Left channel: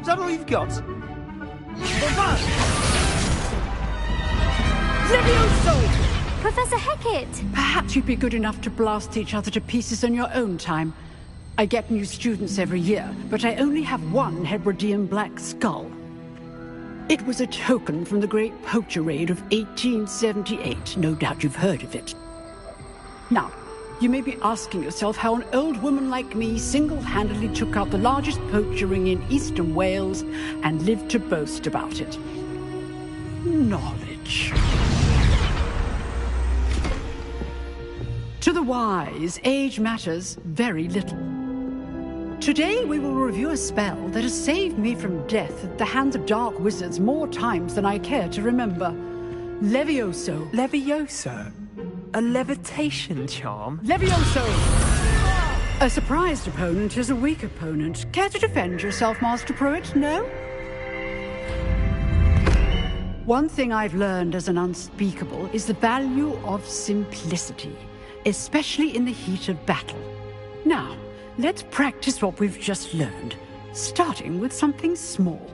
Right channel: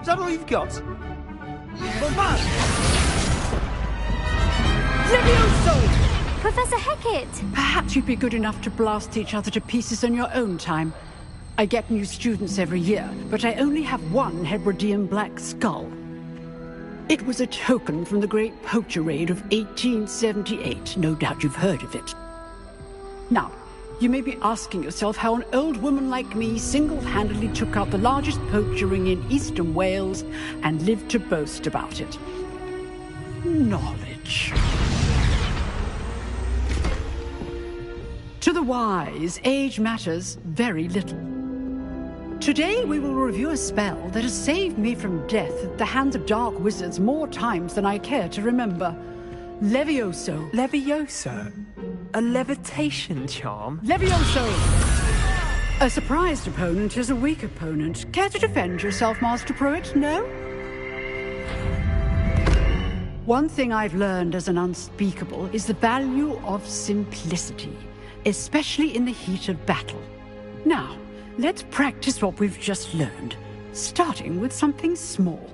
Is that all you've got? Levioso! Professor Hecat! Perhaps you'd be good enough to blast each other to pieces in your own time. I get new students every year, but I only have one Hebridean black skull. It was a token from the Great Poacher Raid of 1878. No doubt you've heard of it. Now, you may be asking yourself how an old woman like me single-handedly took out the largest poacher ring in eastern Wales and lived to boast about it. Knowledge. To the wise, age matters very little. Today we will review a spell that has saved me from death at the hands of dark wizards more times than I care to remember. Levioso. Levioso? A levitation charm? Levioso! A surprised opponent is a weak opponent. Care to defend yourself, Master Pruitt? No? One thing I've learned as an unspeakable is the value of simplicity, especially in the heat of battle. Now, let's practice what we've just learned, starting with something small.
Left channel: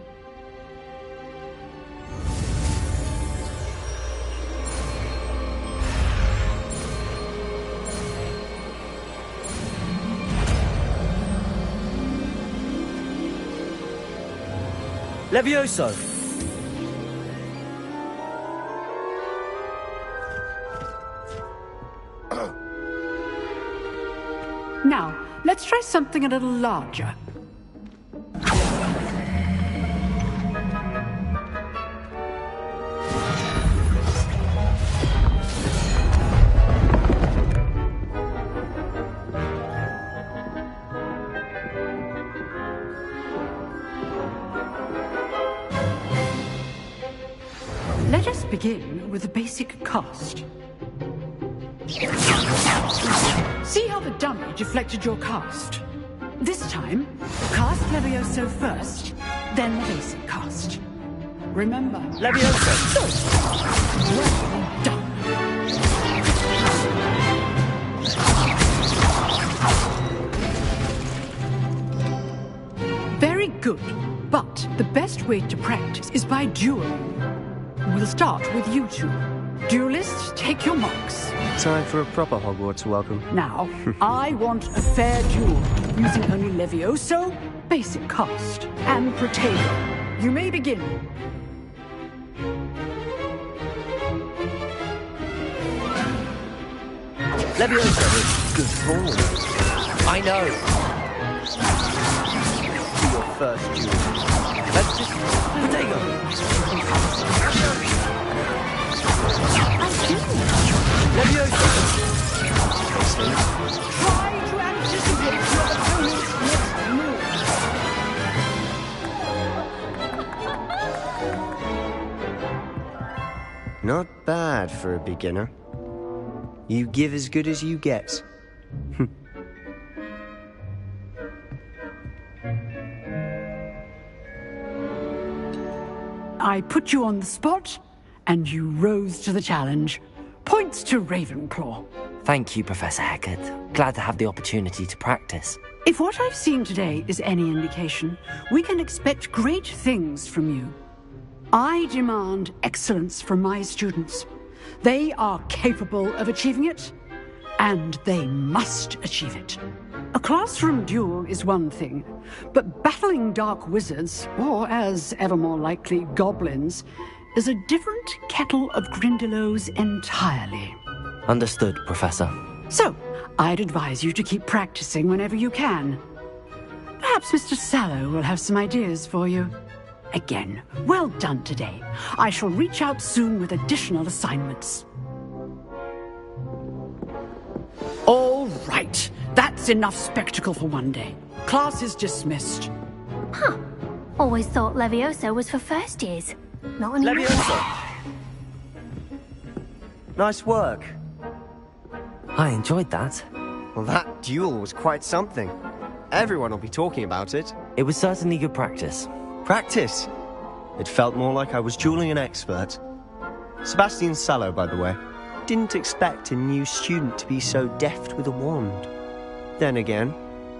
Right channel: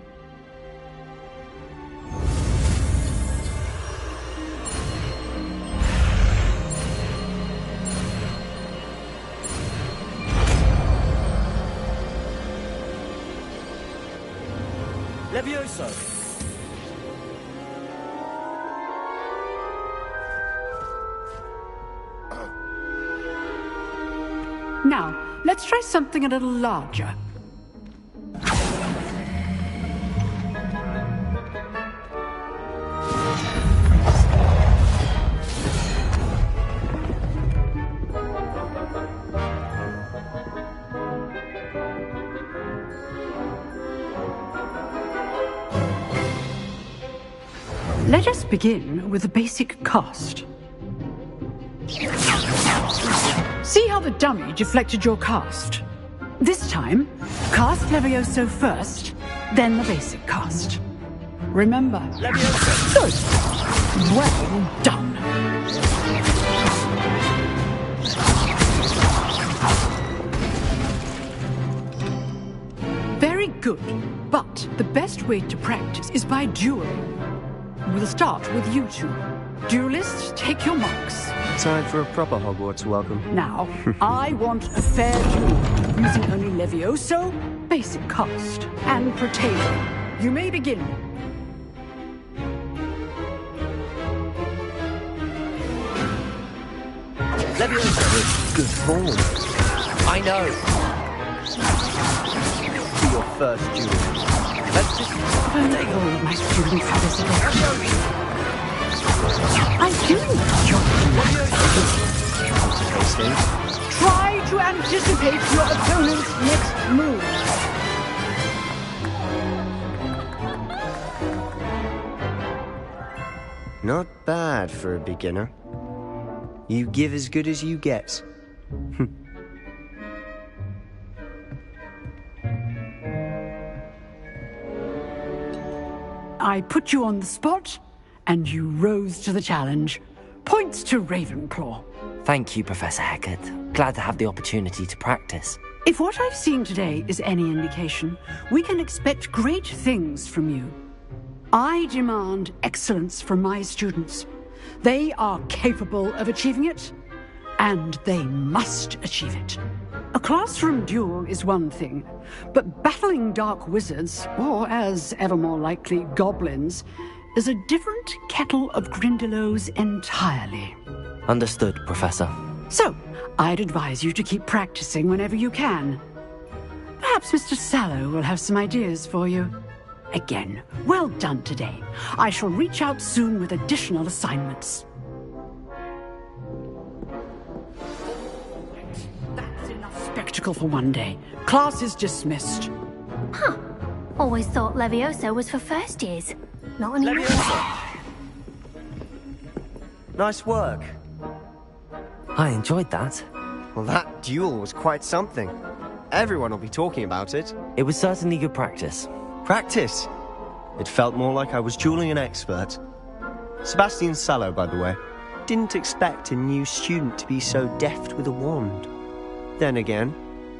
Levioso! Now, let's try something a little larger. Let us begin with the basic cast. See how the dummy deflected your cast? This time, cast Levioso first, then the basic cast. Remember, Levioso! Good. Well done. Very good, but the best way to practice is by dueling. We'll start with you two. Duelists, take your marks. Time for a proper Hogwarts welcome. Now, I want a fair duel, using only Levioso, basic cast, and Protego. You may begin. Levioso is good form. I know. For your first duel. Let's just... Oh, my students have this. I do. Try to anticipate your opponent's next move. Not bad for a beginner. You give as good as you get. I put you on the spot, and you rose to the challenge. Points to Ravenclaw. Thank you, Professor Hecat. Glad to have the opportunity to practice. If what I've seen today is any indication, we can expect great things from you. I demand excellence from my students. They are capable of achieving it, and they must achieve it. A classroom duel is one thing, but battling dark wizards, or as ever more likely, goblins, is a different kettle of Grindylows entirely. Understood, Professor. So, I'd advise you to keep practicing whenever you can. Perhaps Mr. Sallow will have some ideas for you. Again, well done today. I shall reach out soon with additional assignments. All right. That's enough spectacle for one day. Class is dismissed. Huh. Always thought Levioso was for first years. Not anymore. Leviosa! Nice work. I enjoyed that. Well, that duel was quite something. Everyone will be talking about it. It was certainly good practice. Practice? It felt more like I was dueling an expert. Sebastian Sallow, by the way. Didn't expect a new student to be so deft with a wand. Then again,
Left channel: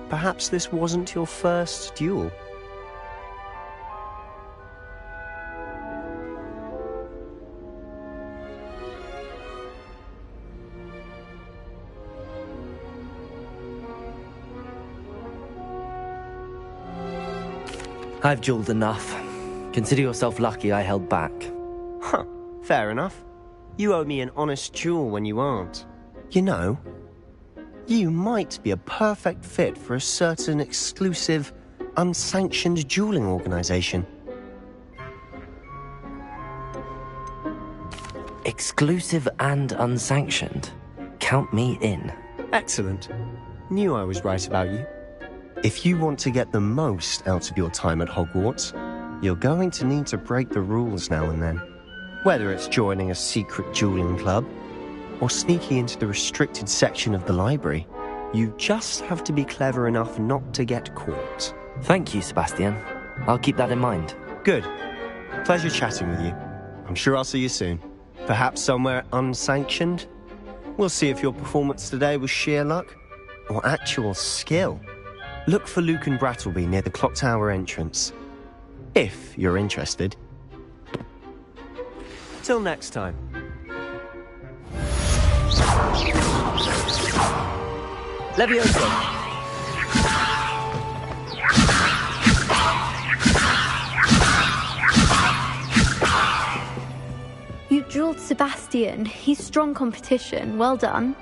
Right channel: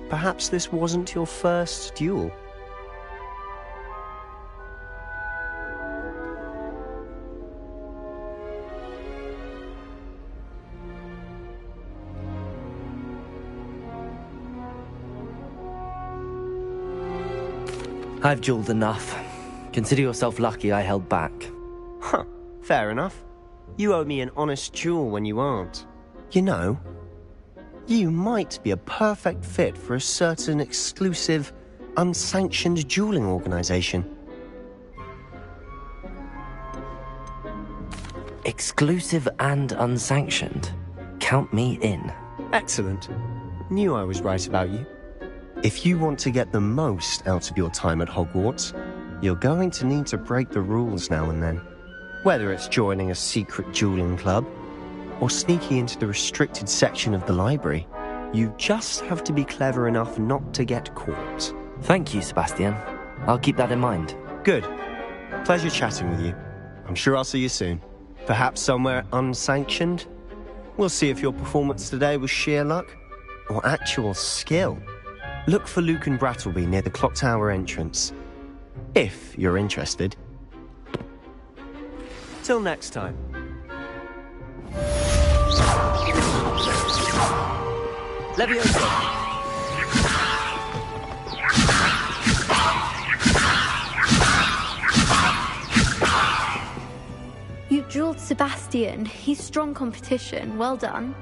perhaps this wasn't your first duel. I've dueled enough. Consider yourself lucky I held back. Huh, fair enough. You owe me an honest duel when you aren't. You know, you might be a perfect fit for a certain exclusive, unsanctioned dueling organization. Exclusive and unsanctioned. Count me in. Excellent. Knew I was right about you. If you want to get the most out of your time at Hogwarts, you're going to need to break the rules now and then. Whether it's joining a secret dueling club, or sneaking into the restricted section of the library, you just have to be clever enough not to get caught. Thank you, Sebastian. I'll keep that in mind. Good. Pleasure chatting with you. I'm sure I'll see you soon. Perhaps somewhere unsanctioned? We'll see if your performance today was sheer luck, or actual skill. Look for Luke and Brattleby near the clock tower entrance. If you're interested. Till next time. Leviosa! You dueled Sebastian. He's strong competition. Well done.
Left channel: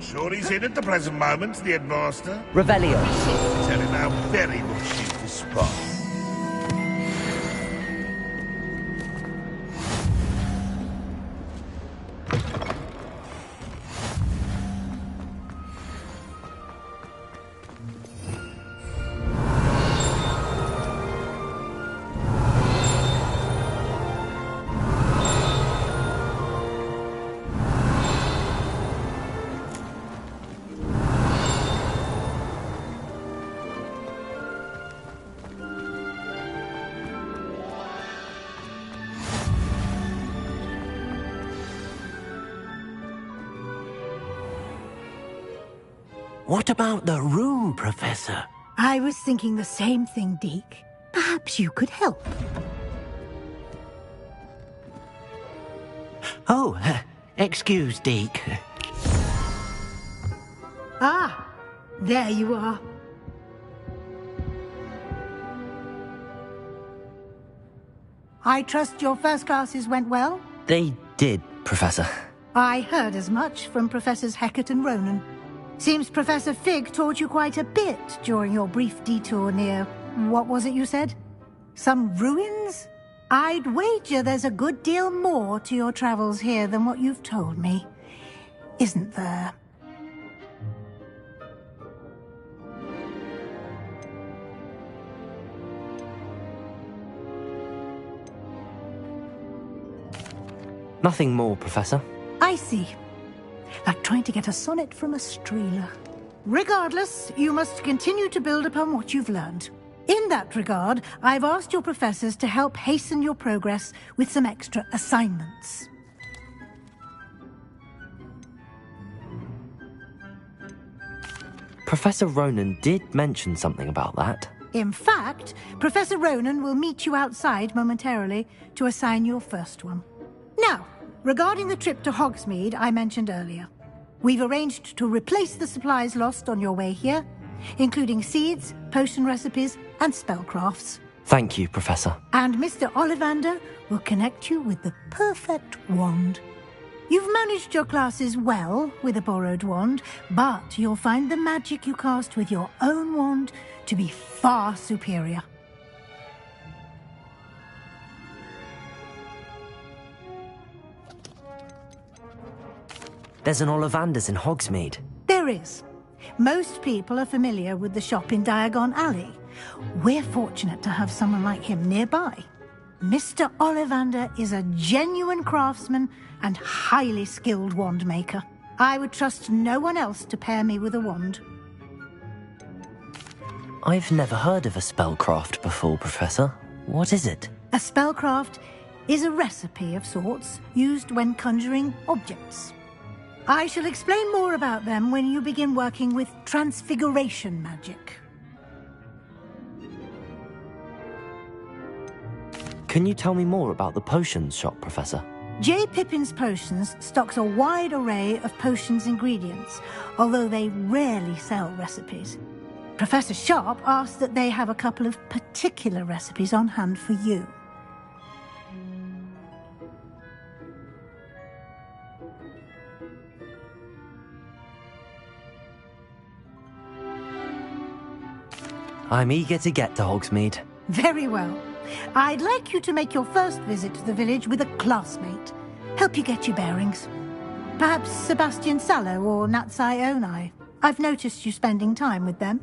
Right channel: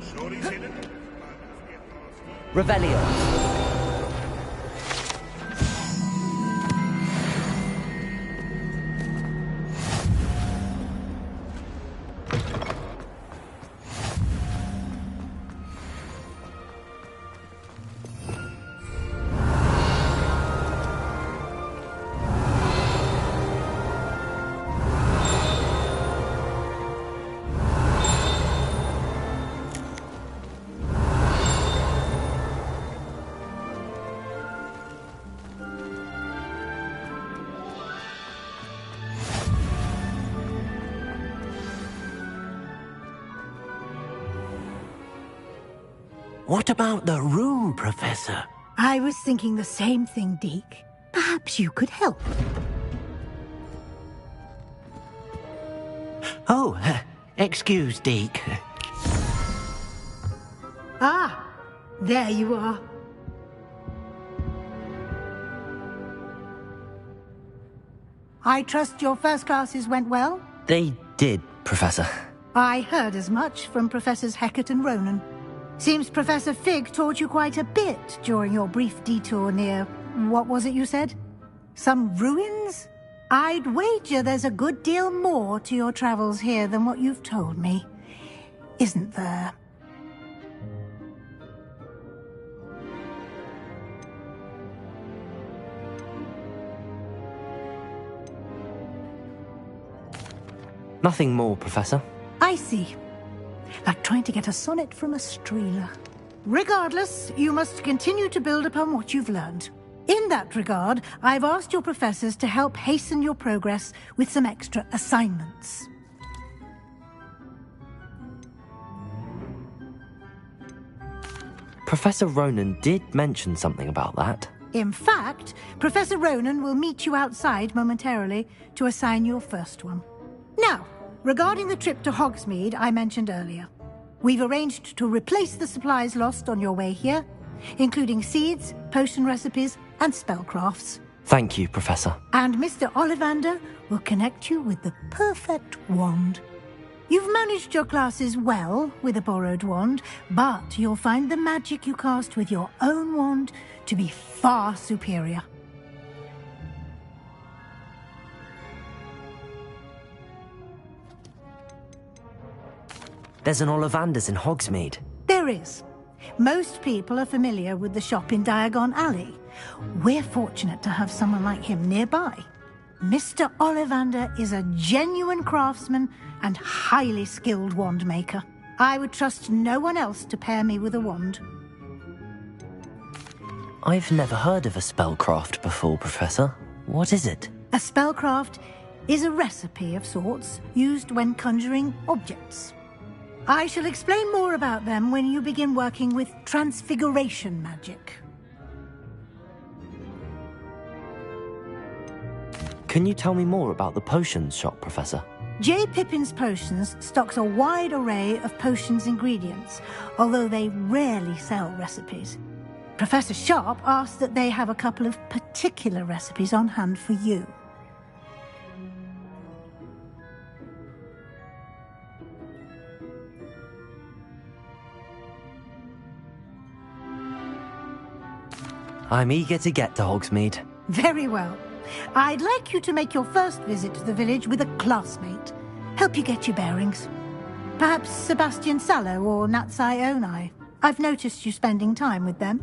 I'm sure he's in at the present moment, the headmaster. Revelio. Tell him how very much he's the spot. What about the room, Professor? I was thinking the same thing, Deke. Perhaps you could help. Oh, excuse, Deke. Ah, there you are. I trust your first classes went well? They did, Professor. I heard as much from Professors Hecat and Ronan. Seems Professor Fig taught you quite a bit during your brief detour near... what was it you said? Some ruins? I'd wager there's a good deal more to your travels here than what you've told me. Isn't there? Nothing more, Professor. I see. Like trying to get a sonnet from a streeler. Regardless, you must continue to build upon what you've learned. In that regard, I've asked your professors to help hasten your progress with some extra assignments. Professor Ronan did mention something about that. In fact, Professor Ronan will meet you outside momentarily to assign your first one. Now, regarding the trip to Hogsmeade I mentioned earlier, we've arranged to replace the supplies lost on your way here, including seeds, potion recipes, and spellcrafts. Thank you, Professor. And Mr. Ollivander will connect you with the perfect wand. You've managed your classes well with a borrowed wand, but you'll find the magic you cast with your own wand to be far superior. There's an Ollivander's in Hogsmeade. There is. Most people are familiar with the shop in Diagon Alley. We're fortunate to have someone like him nearby. Mr. Ollivander is a genuine craftsman and highly skilled wand maker. I would trust no one else to pair me with a wand. I've never heard of a spellcraft before, Professor. What is it? A spellcraft is a recipe of sorts used when conjuring objects. I shall explain more about them when you begin working with transfiguration magic. Can you tell me more about the potions shop, Professor? J. Pippin's Potions stocks a wide array of potions ingredients, although they rarely sell recipes. Professor Sharp asked that they have a couple of particular recipes on hand for you. I'm eager to get to Hogsmeade. Very well. I'd like you to make your first visit to the village with a classmate. Help you get your bearings. Perhaps Sebastian Sallow or Natsai Onai. I've noticed you spending time with them.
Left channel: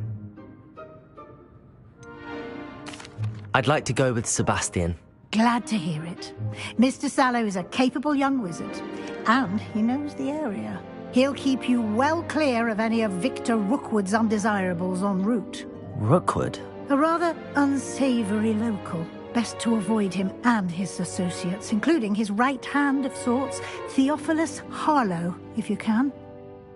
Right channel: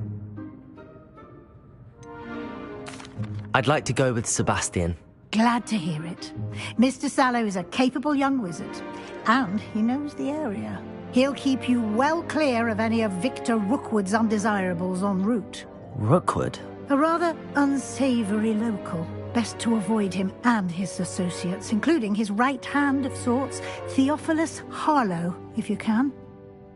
I'd like to go with Sebastian. Glad to hear it. Mr. Sallow is a capable young wizard, and he knows the area. He'll keep you well clear of any of Victor Rookwood's undesirables en route. Rookwood? A rather unsavory local. Best to avoid him and his associates, including his right hand of sorts, Theophilus Harlow, if you can.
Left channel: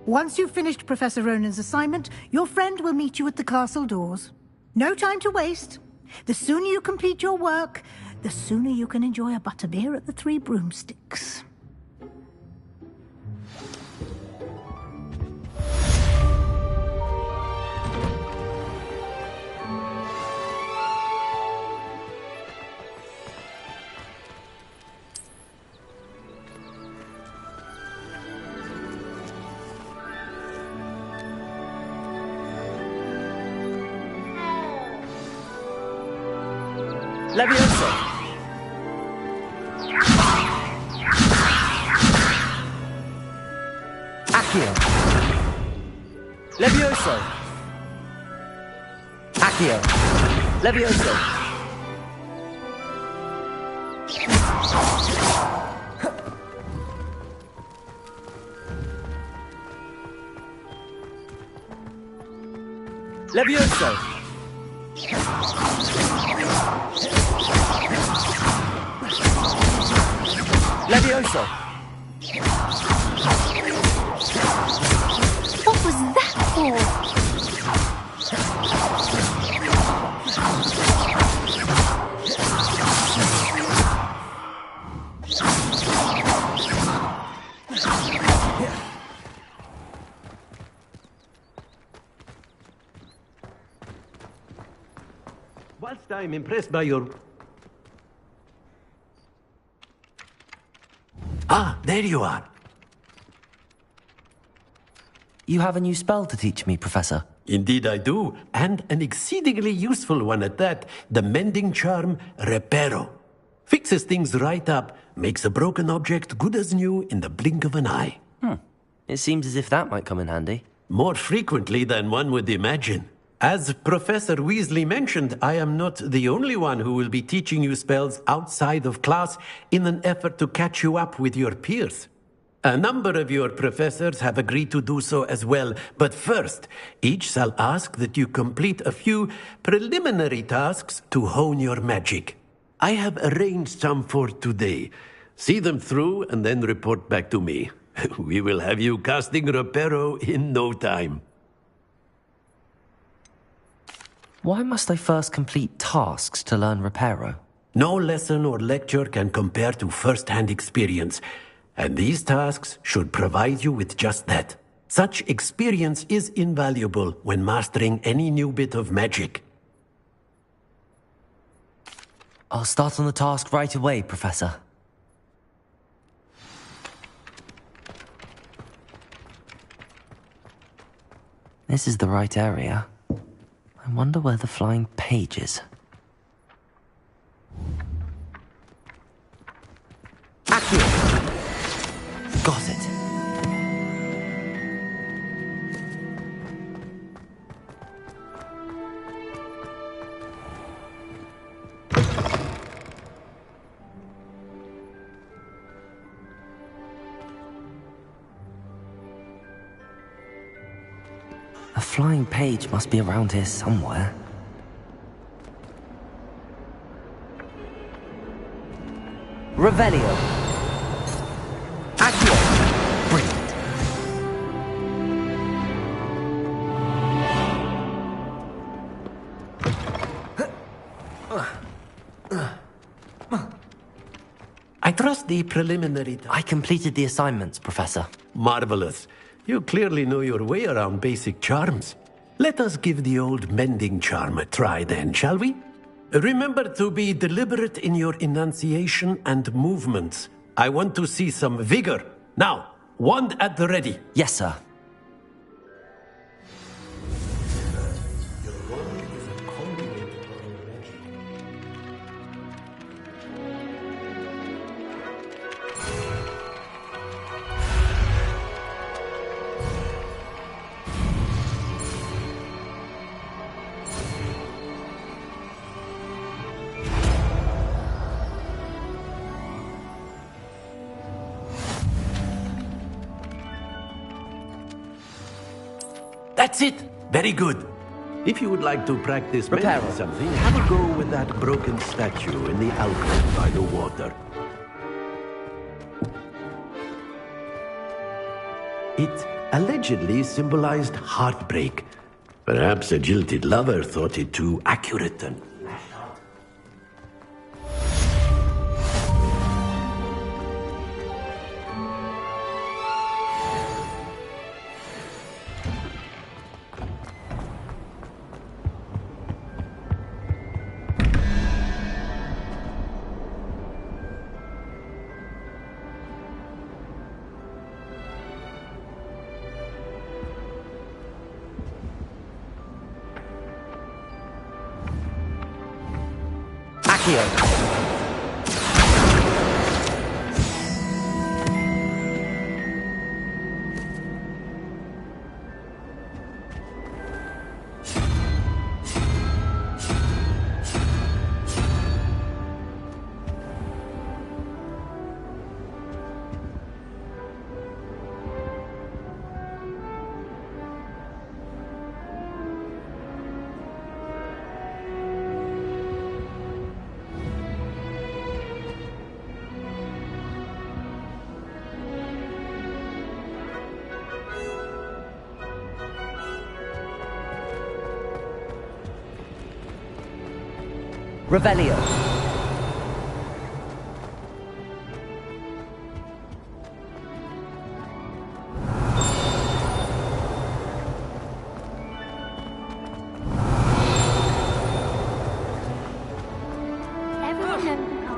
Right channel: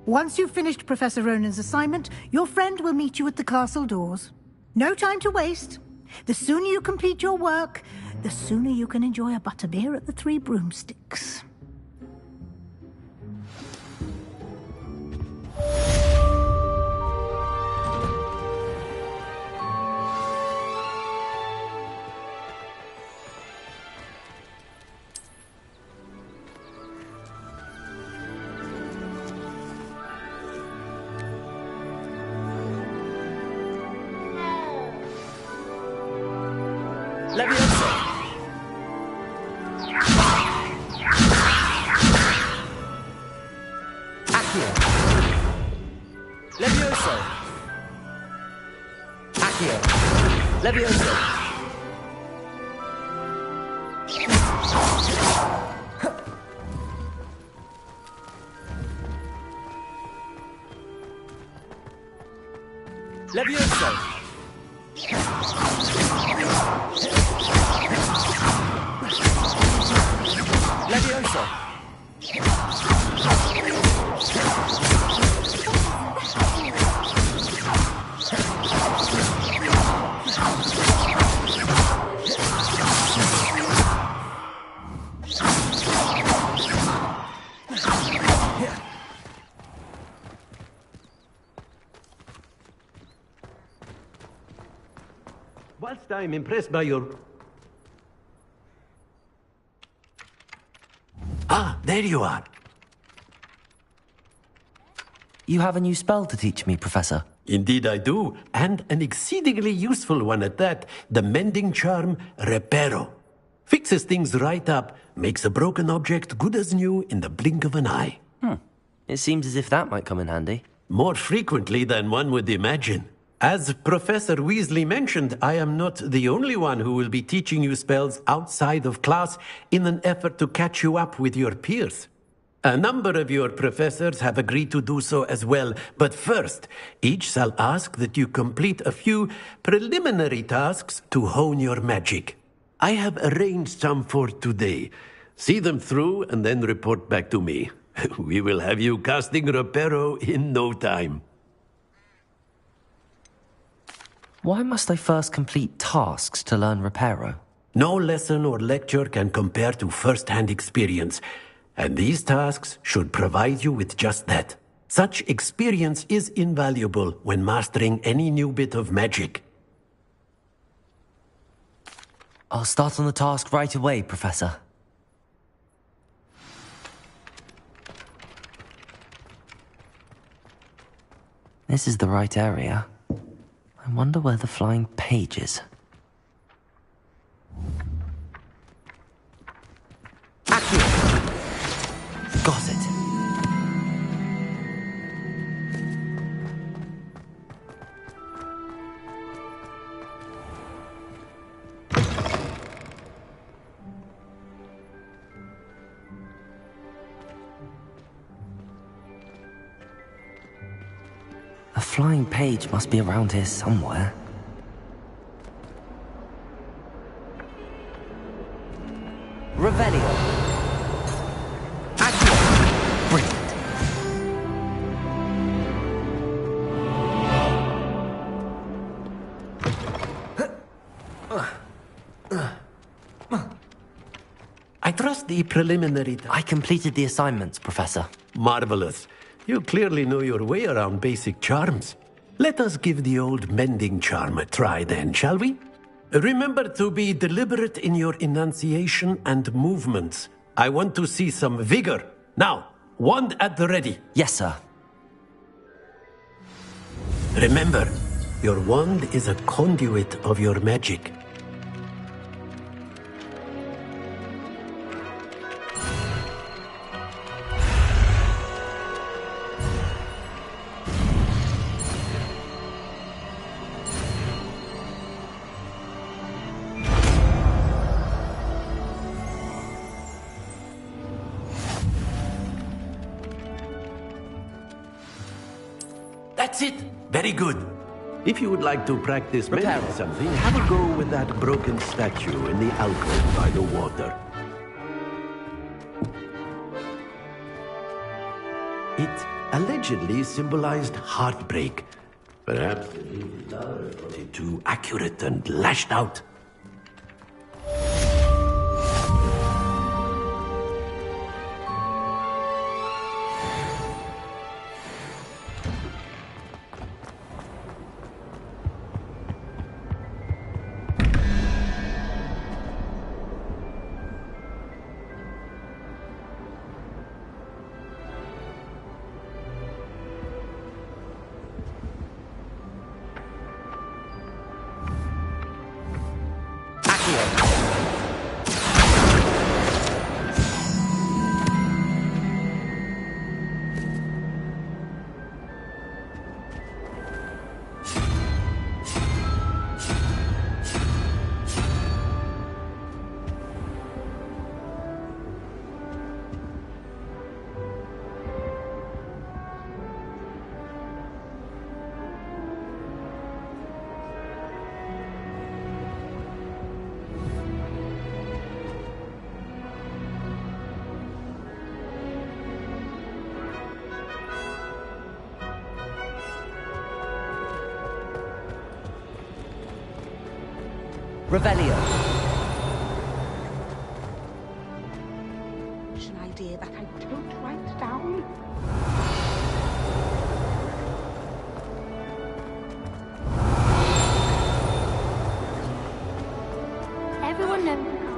Once you've finished Professor Ronan's assignment, your friend will meet you at the castle doors. No time to waste. The sooner you complete your work, the sooner you can enjoy a butterbeer at the Three Broomsticks. Levioso! Accio! Levioso! Accio! Levioso! Levioso! Levioso! What was that for? Whilst I'm impressed by your... Ah, there you are. You have a new spell to teach me, Professor. Indeed I do, and an exceedingly useful one at that. The mending charm, Reparo. Fixes things right up, makes a broken object good as new in the blink of an eye. It seems as if that might come in handy. More frequently than one would imagine. As Professor Weasley mentioned, I am not the only one who will be teaching you spells outside of class in an effort to catch you up with your peers. A number of your professors have agreed to do so as well, but first, each shall ask that you complete a few preliminary tasks to hone your magic. I have arranged some for today. See them through and then report back to me. We will have you casting Reparo in no time. Why must I first complete tasks to learn Reparo? No lesson or lecture can compare to first-hand experience. And these tasks should provide you with just that. Such experience is invaluable when mastering any new bit of magic. I'll start on the task right away, Professor. This is the right area. I wonder where the flying page is. Accio! Got it. A flying page must be around here somewhere. Revelio. Brilliant. I trust the preliminary... I completed the assignments, Professor. Marvelous. You clearly know your way around basic charms. Let us give the old mending charm a try then, shall we? Remember to be deliberate in your enunciation and movements. I want to see some vigor. Now, wand at the ready. Yes, sir. Remember, your wand is a conduit of your magic. That's it! Very good. If you would like to practice mending something, have a go with that broken statue in the alcove by the water. It allegedly symbolized heartbreak. Perhaps a jilted lover thought it too accurate and lashed out. Revelio. Idea that I don't write down. no, you can't.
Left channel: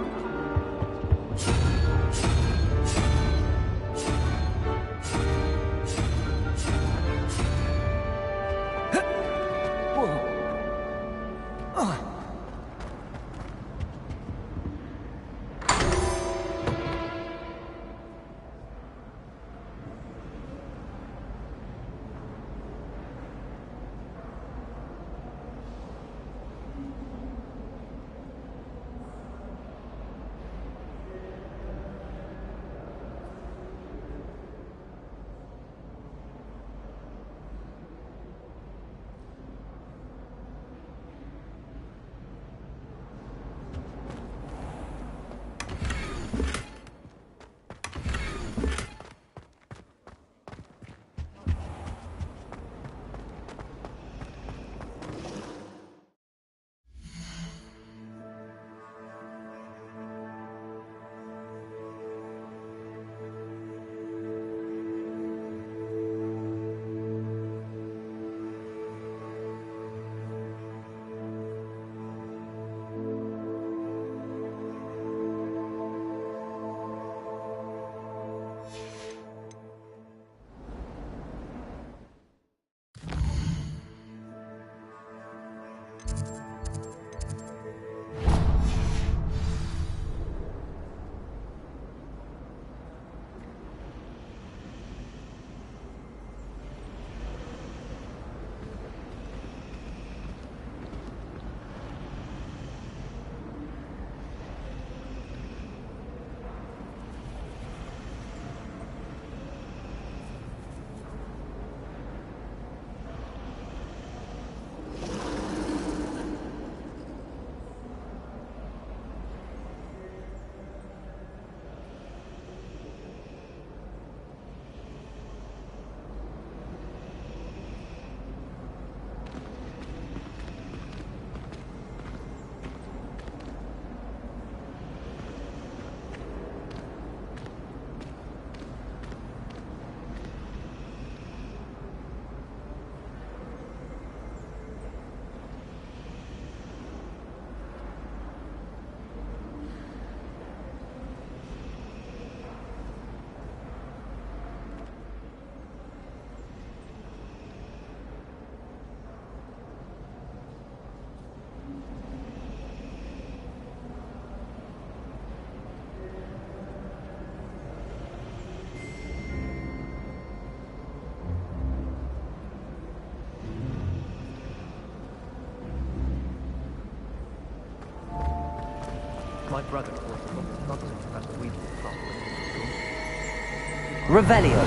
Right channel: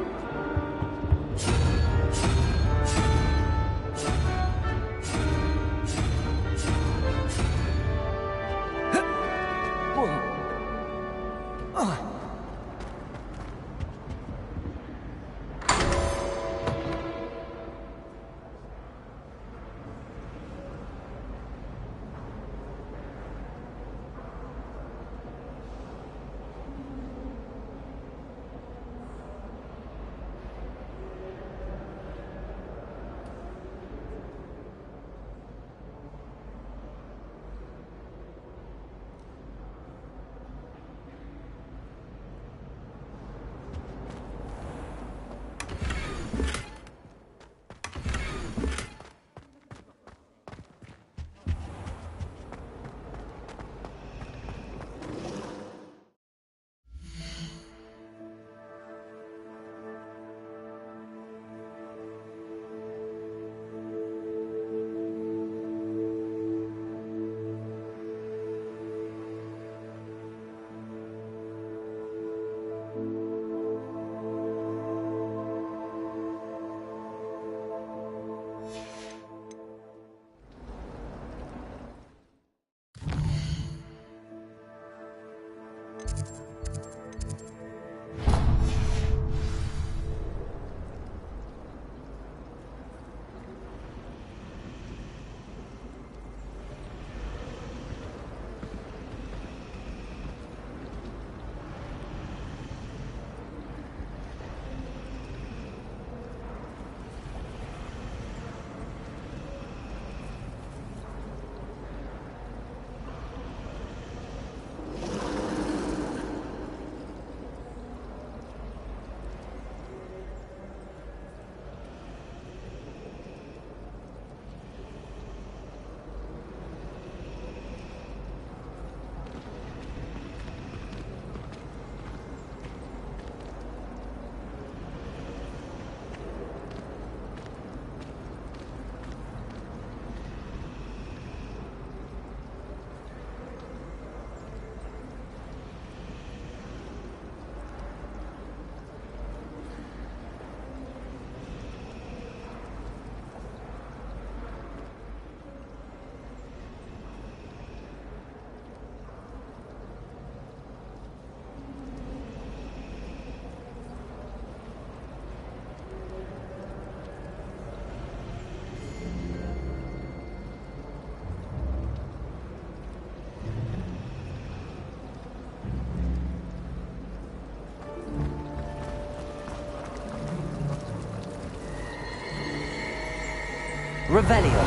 Revelio.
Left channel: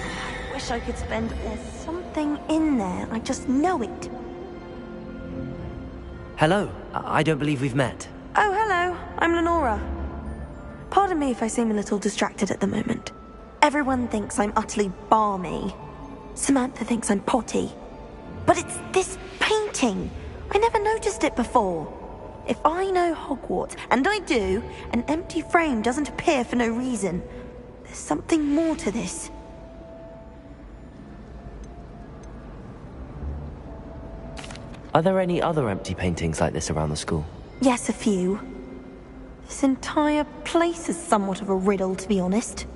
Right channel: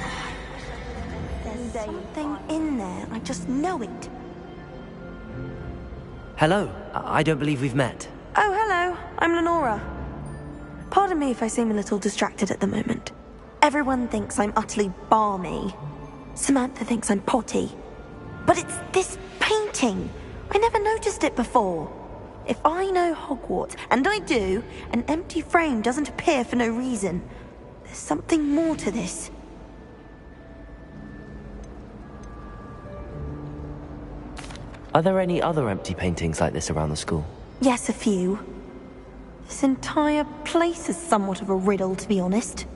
I wish I could spend There's something in there. I just know it. Hello. I don't believe we've met. Oh, hello. I'm Lenora. Pardon me if I seem a little distracted at the moment. Everyone thinks I'm utterly balmy. Samantha thinks I'm potty. But it's this painting. I never noticed it before. If I know Hogwarts, and I do, an empty frame doesn't appear for no reason. There's something more to this. Are there any other empty paintings like this around the school? Yes, a few. This entire place is somewhat of a riddle, to be honest.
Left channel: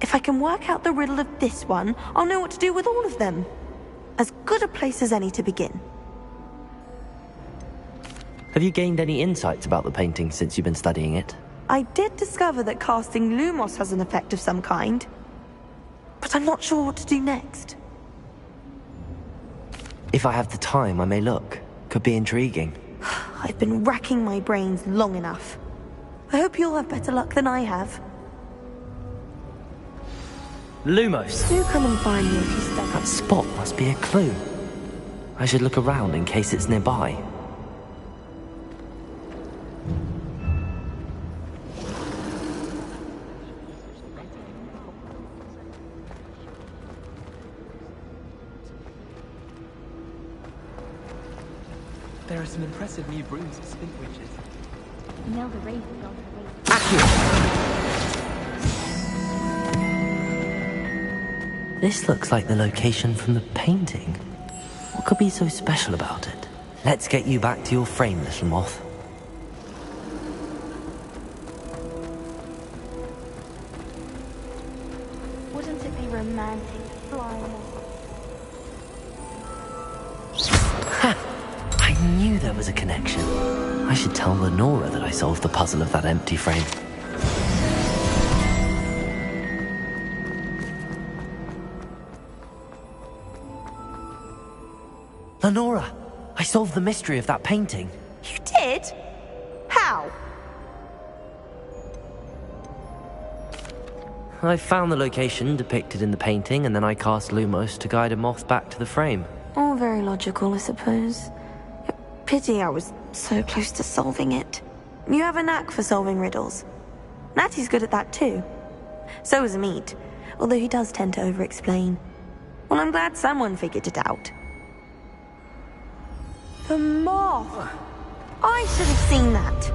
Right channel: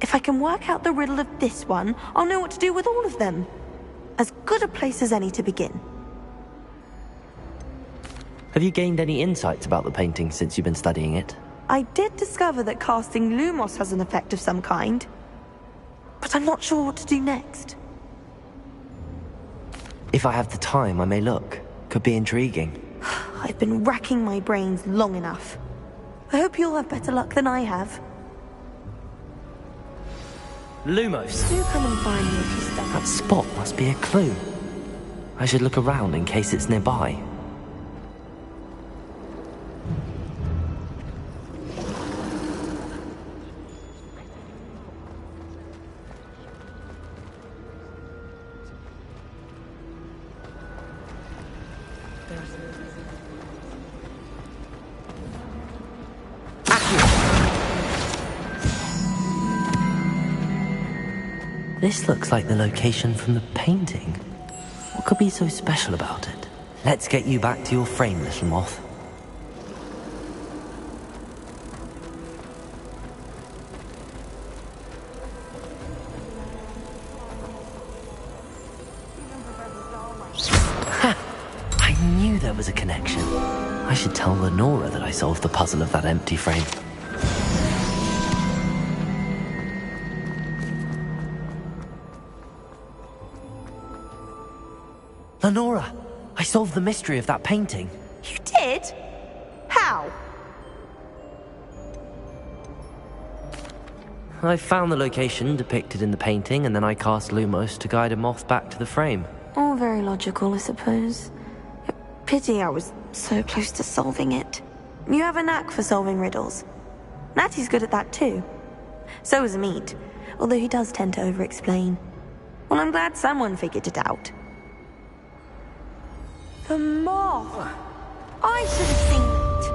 If I can work out the riddle of this one, I'll know what to do with all of them. As good a place as any to begin. Have you gained any insights about the painting since you've been studying it? I did discover that casting Lumos has an effect of some kind. But I'm not sure what to do next. If I have the time, I may look. Could be intriguing. I've been racking my brains long enough. I hope you'll have better luck than I have. Lumos! Do come and find me if you study. That spot must be a clue. I should look around in case it's nearby. There are some impressive new brooms for speed bridges. No, the rain. This looks like the location from the painting. What could be so special about it? Let's get you back to your frame, little moth. Wouldn't it be romantic flying? Ha! I knew there was a connection. I should tell Lenora that I solved the puzzle of that empty frame. Lenora! I solved the mystery of that painting. You did? How? I found the location depicted in the painting, and then I cast Lumos to guide a moth back to the frame. All very logical, I suppose. Pity I was so close to solving it. You have a knack for solving riddles. Natty's good at that too. So is Amit, although he does tend to over-explain. Well, I'm glad someone figured it out. The moth! I should have seen that.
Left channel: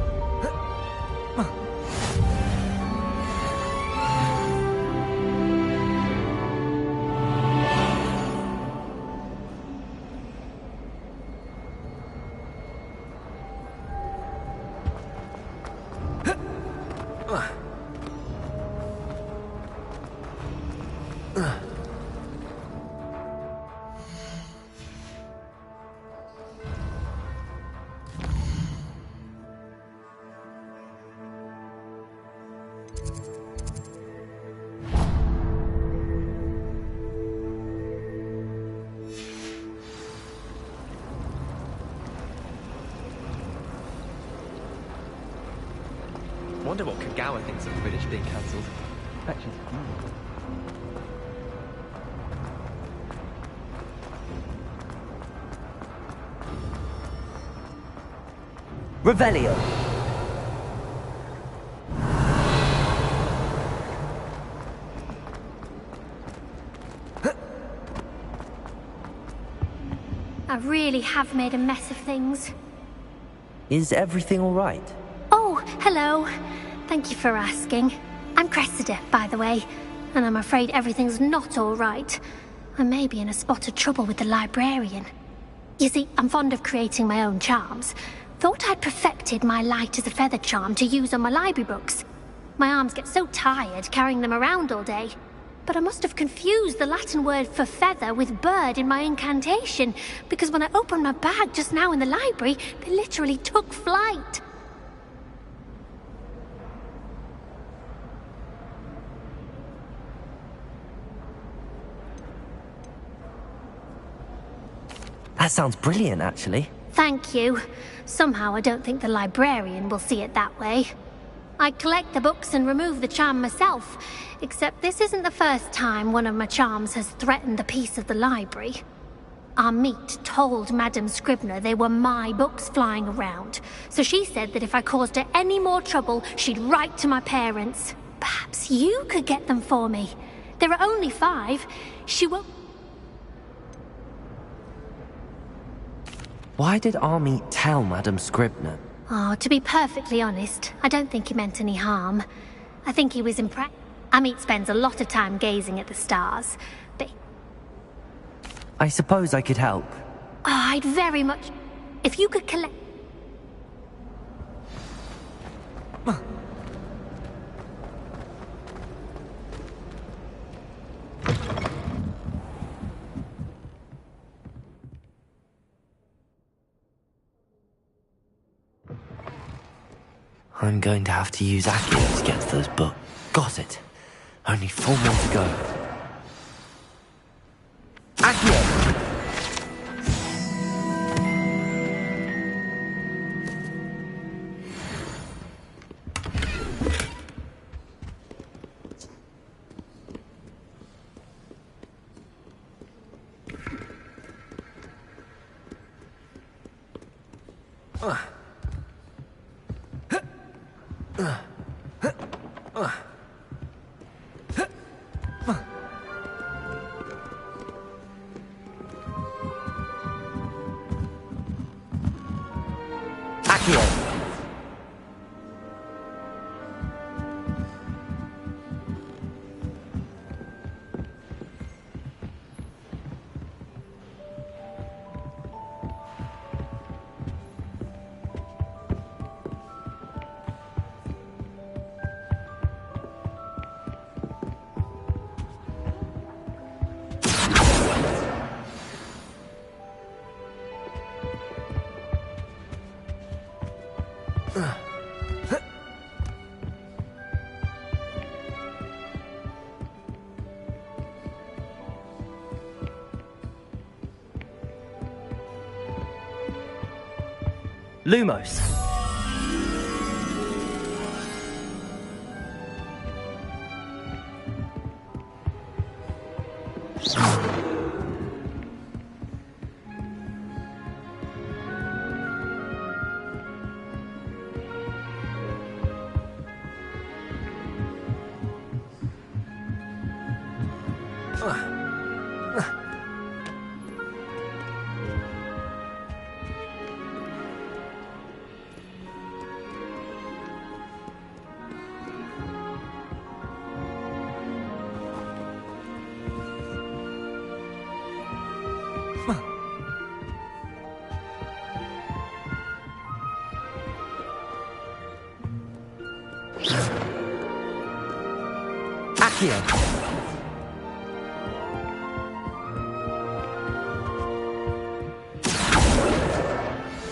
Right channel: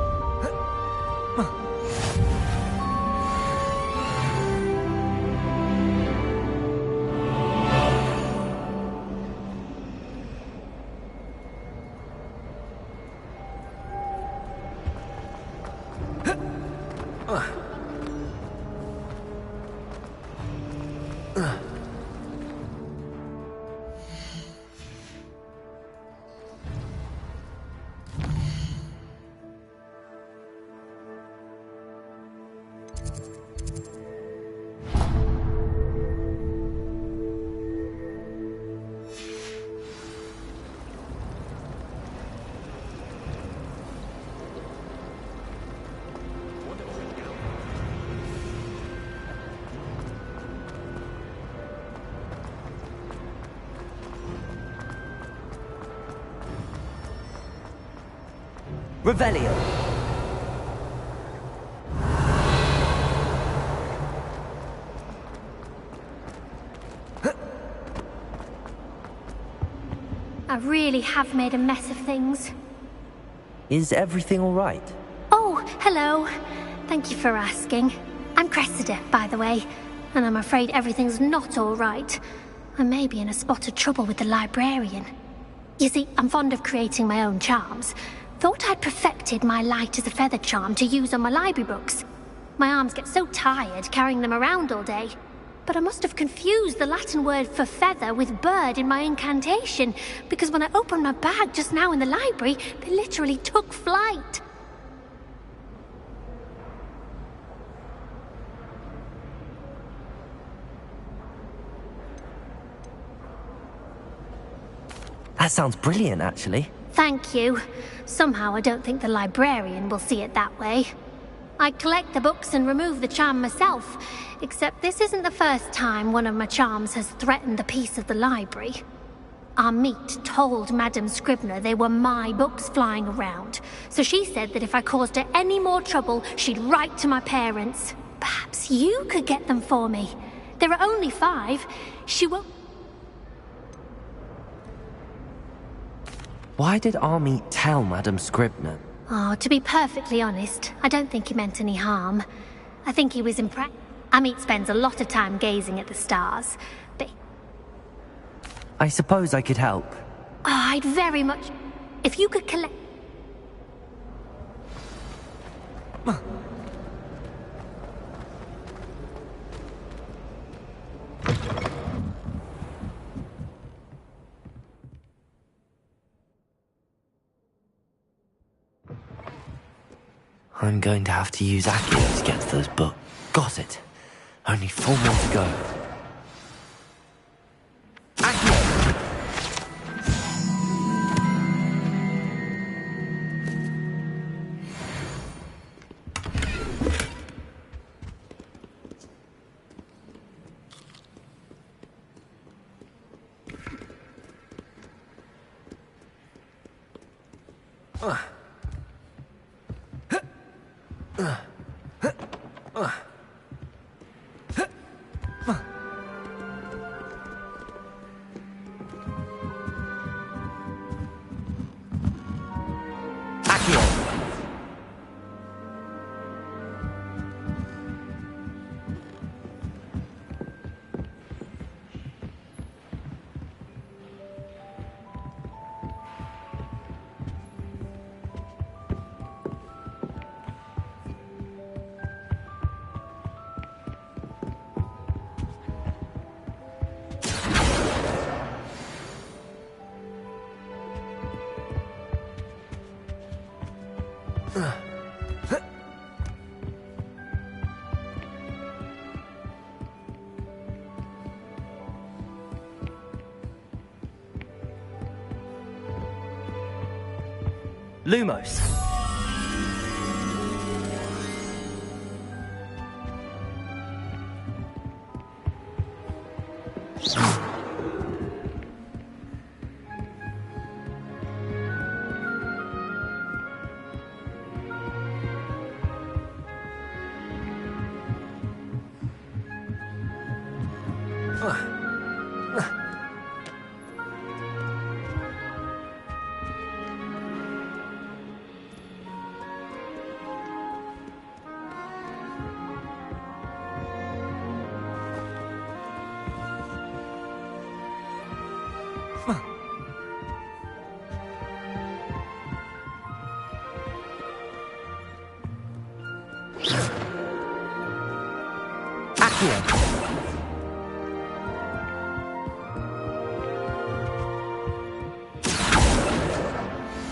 Wonder what Kagawa thinks of the British being cancelled. Revelio! I really have made a mess of things. Is everything all right? Oh, hello. Thank you for asking. I'm Cressida, by the way, and I'm afraid everything's not all right. I may be in a spot of trouble with the librarian. You see, I'm fond of creating my own charms. Thought I'd perfected my light as a feather charm to use on my library books. My arms get so tired carrying them around all day. But I must have confused the Latin word for feather with bird in my incantation, because when I opened my bag just now in the library, they literally took flight. That sounds brilliant, actually. Thank you. Somehow I don't think the librarian will see it that way. I collect the books and remove the charm myself, except this isn't the first time one of my charms has threatened the peace of the library. Amit told Madame Scribner they were my books flying around, so she said that if I caused her any more trouble, she'd write to my parents. Perhaps you could get them for me. There are only 5. She won't... Why did Amit tell Madame Scribner? Oh, to be perfectly honest, I don't think he meant any harm. I think he was impressed. Amit spends a lot of time gazing at the stars, but... I suppose I could help. Oh, I'd very much... If you could collect... I'm going to have to use Accio to get to those books. Got it. Only 4 more to go. Accio! Lumos.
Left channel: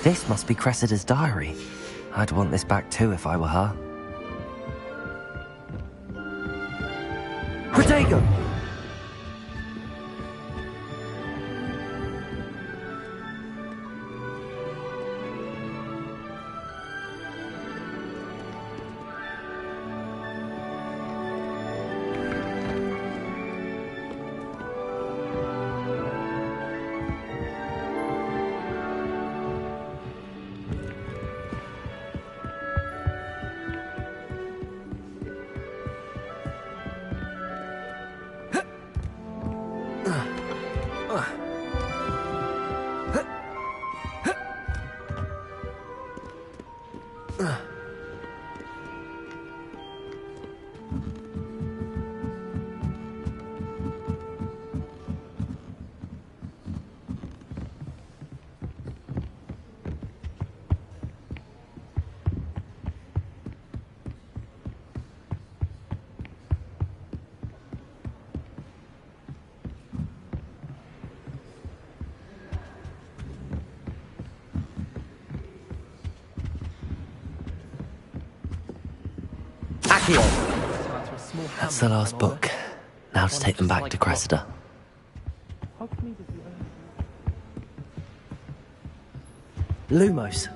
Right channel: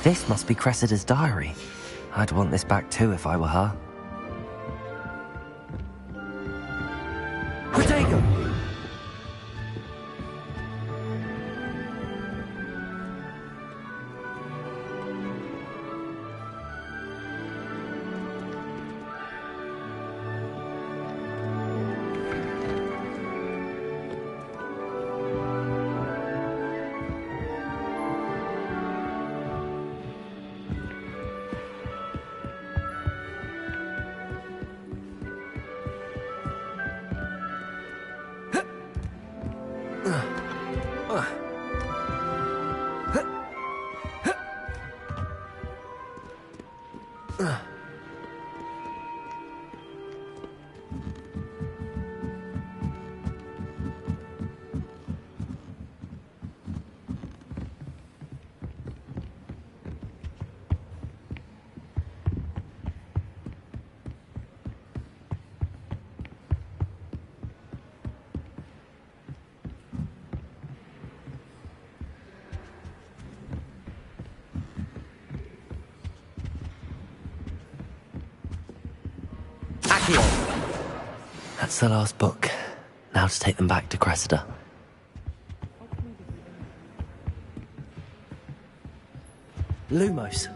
This must be Cressida's diary. I'd want this back too if I were her. Protego! That's the last book. Now to take them back to Cressida. Lumos.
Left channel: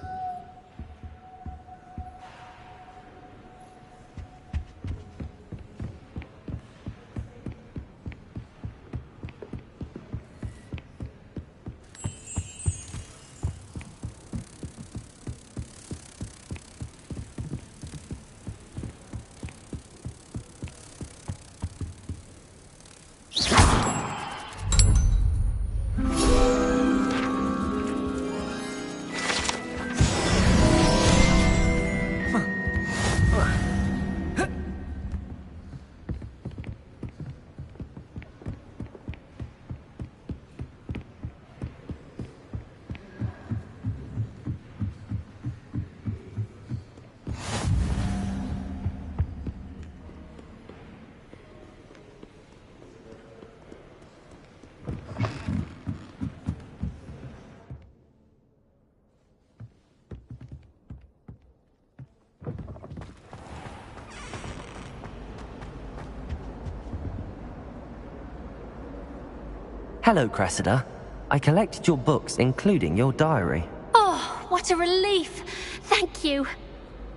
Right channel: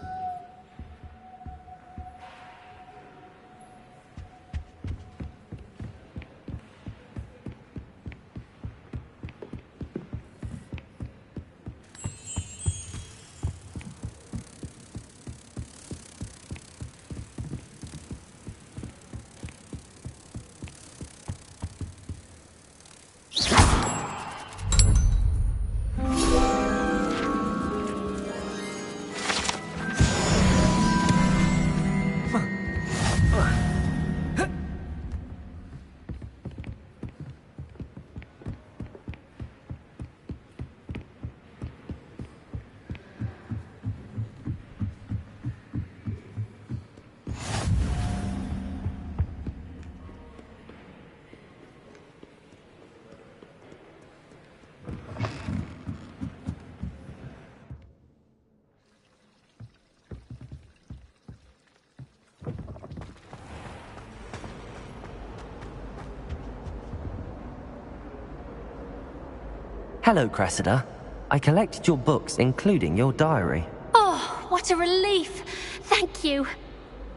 Hello, Cressida. I collected your books, including your diary. Oh, what a relief. Thank you.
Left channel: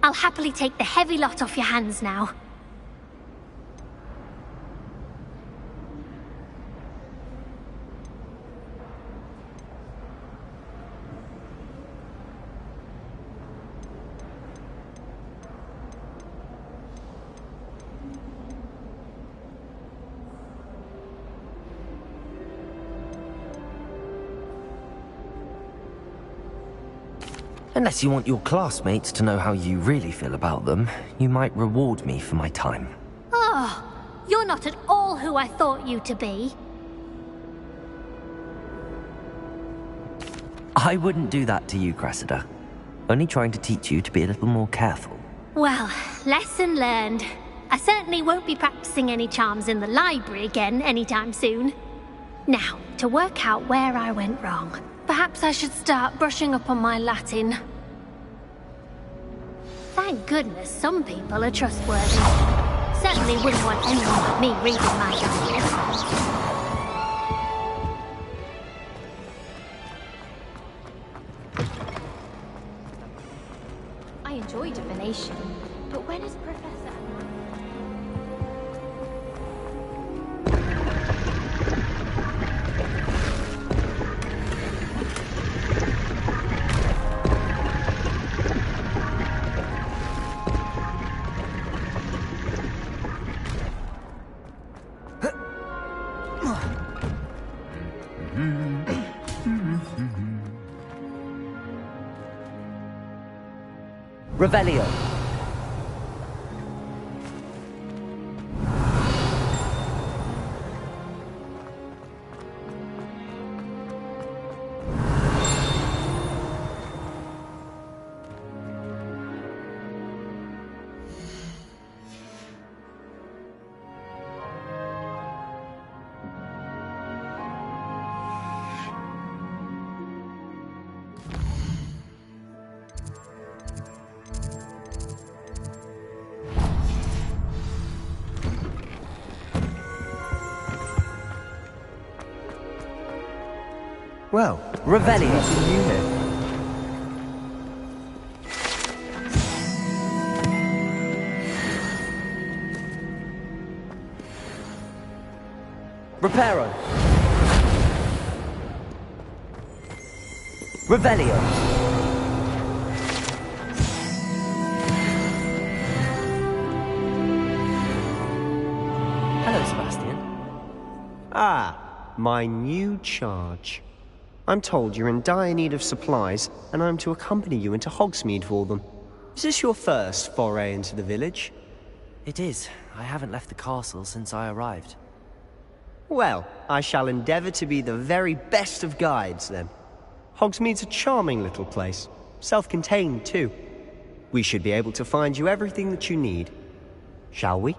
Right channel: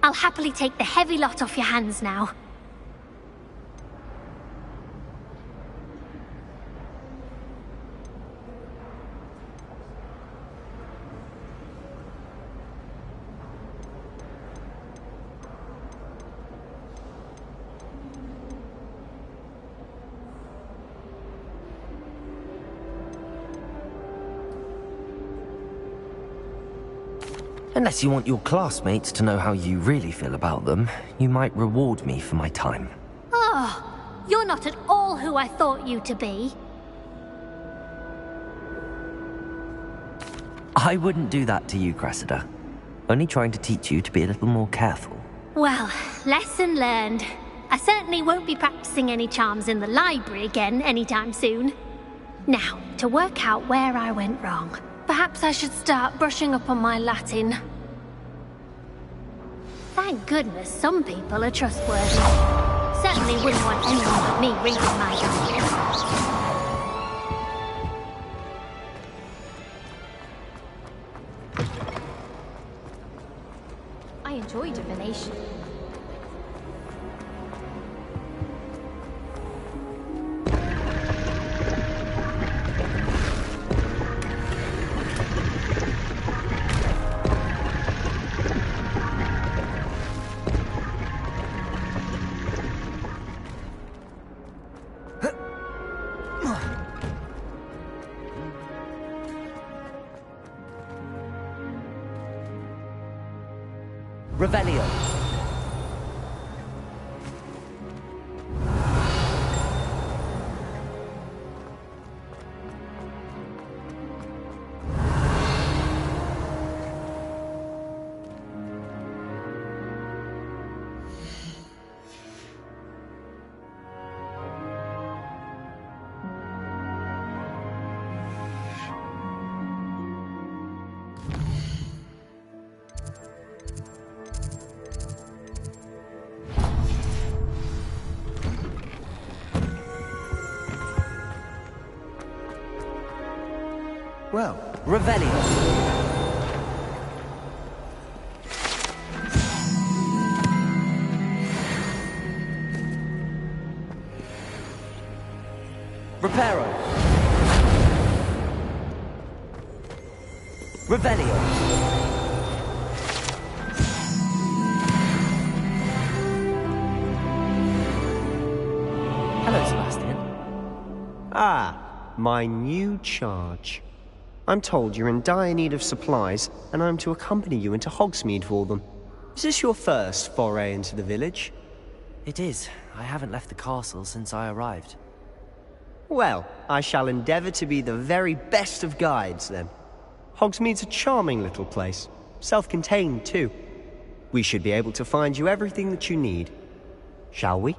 I'll happily take the heavy lot off your hands now. Unless you want your classmates to know how you really feel about them, you might reward me for my time. Oh, you're not at all who I thought you to be. I wouldn't do that to you, Cressida. Only trying to teach you to be a little more careful. Well, lesson learned. I certainly won't be practicing any charms in the library again anytime soon. Now, to work out where I went wrong. Perhaps I should start brushing up on my Latin. Thank goodness some people are trustworthy. Certainly wouldn't want anyone but me reading my diary. I enjoy divination, but when is Professor? Revelio. Well, Revelio. Reparo. Revelio. Hello, Sebastian. Ah, my new charge. I'm told you're in dire need of supplies, and I'm to accompany you into Hogsmeade for them. Is this your first foray into the village? It is. I haven't left the castle since I arrived. Well, I shall endeavour to be the very best of guides, then. Hogsmeade's a charming little place. Self-contained, too. We should be able to find you everything that you need. Shall we?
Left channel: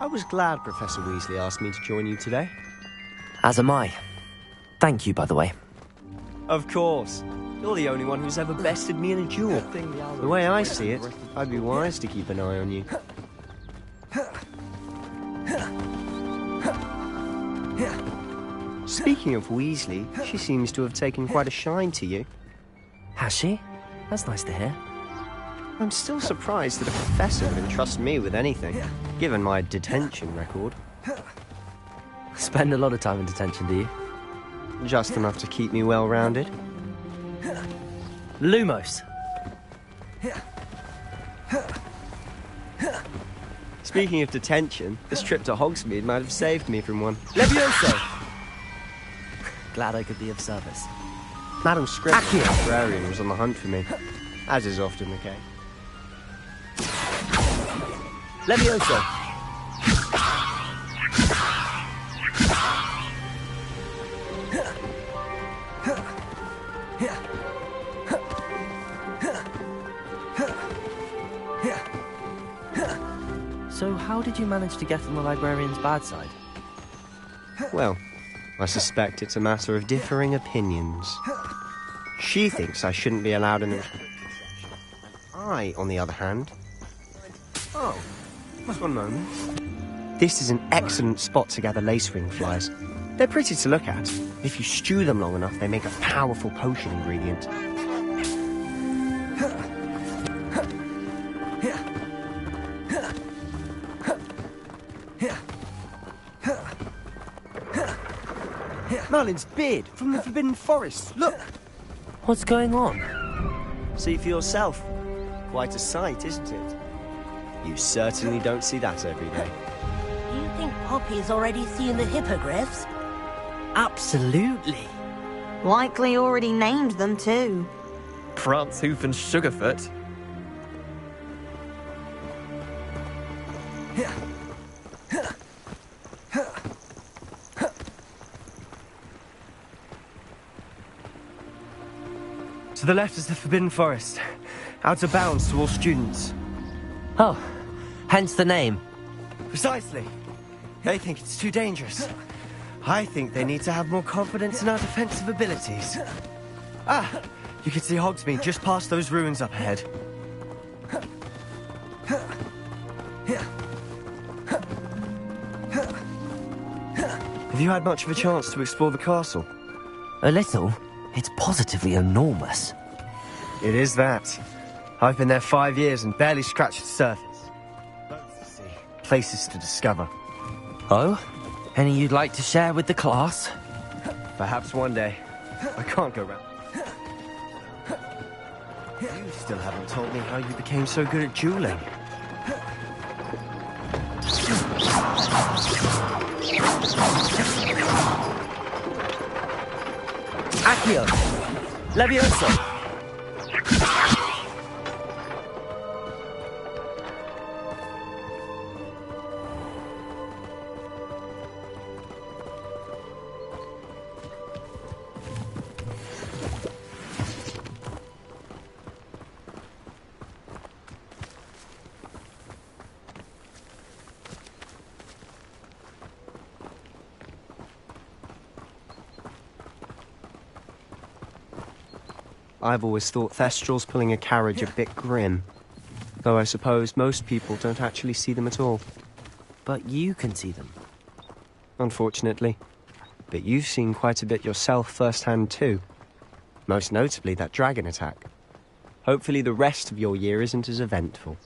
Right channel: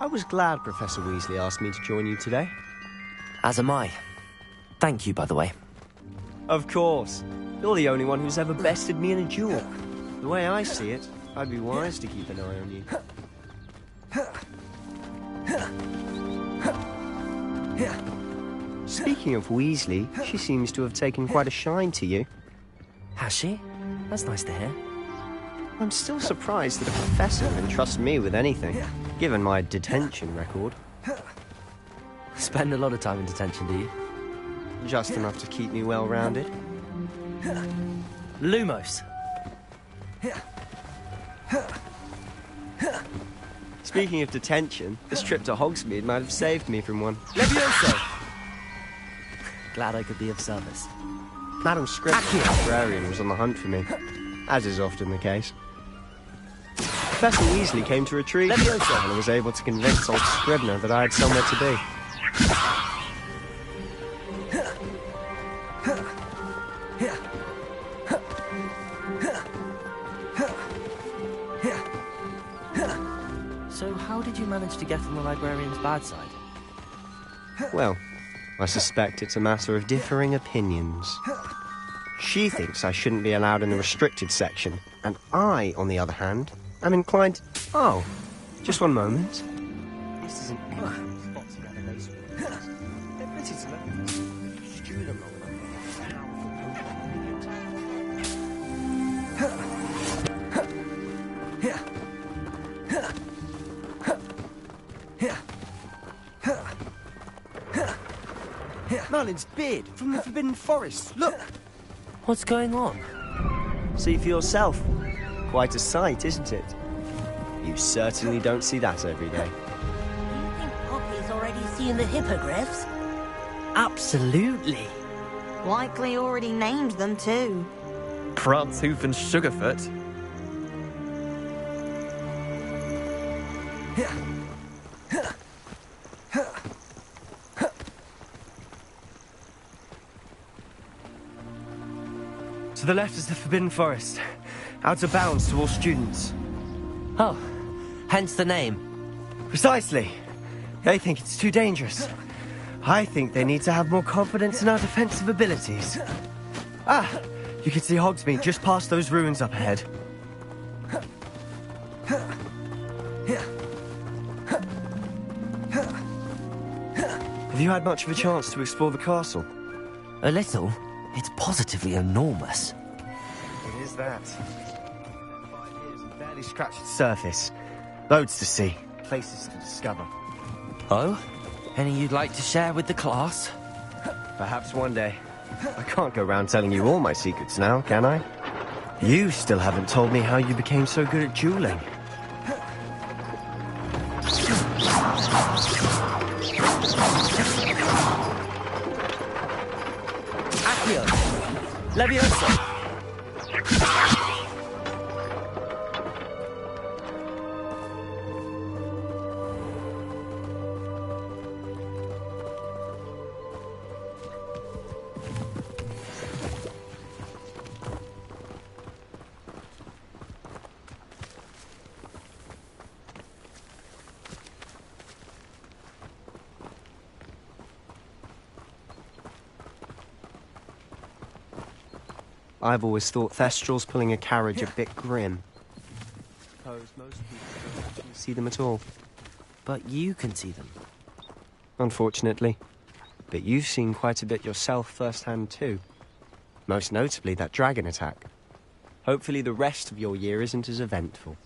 I was glad Professor Weasley asked me to join you today. As am I. Thank you, by the way. Of course. You're the only one who's ever bested me in a duel. The way I see it, I'd be wise to keep an eye on you. Speaking of Weasley, she seems to have taken quite a shine to you. Has she? That's nice to hear. I'm still surprised that a professor would entrust me with anything, given my detention record. Spend a lot of time in detention, do you? Just enough to keep me well-rounded. Lumos. Speaking of detention, this trip to Hogsmeade might have saved me from one. Levioso! Glad I could be of service. Madam Scribner, the librarian, was on the hunt for me, as is often the case. Professor Weasley came to retrieve me, Levioso! and was able to convince old Scribner that I had somewhere to be. So how did you manage to get on the librarian's bad side? Well, I suspect it's a matter of differing opinions. She thinks I shouldn't be allowed in the restricted section, and I, on the other hand, am inclined... Oh, just one moment. This is an excellent spot to gather lacewing flies. They're pretty to look at. If you stew them long enough, they make a powerful potion ingredient. Merlin's beard from the Forbidden Forest. Look! What's going on? See for yourself. Quite a sight, isn't it? You certainly don't see that every day. Do you think Poppy's already seen the hippogriffs? Absolutely. Likely already named them too. Prance, Hoof and Sugarfoot. To the left is the Forbidden Forest. Out of bounds to all students. Oh, hence the name. Precisely. They think it's too dangerous. I think they need to have more confidence in our defensive abilities. Ah, you can see Hogsmeade just past those ruins up ahead. Have you had much of a chance to explore the castle? A little. It's positively enormous. It is that. I've been there 5 years and barely scratched the surface. Loads to see, places to discover. Oh? Any you'd like to share with the class? Perhaps one day. I can't go around telling you all my secrets now, can I? You still haven't told me how you became so good at dueling. Accio! Levioso! I've always thought Thestrals pulling a carriage a bit grim. Though I suppose most people don't actually see them at all. But you can see them. Unfortunately. But you've seen quite a bit yourself firsthand too. Most notably that dragon attack. Hopefully the rest of your year isn't as eventful.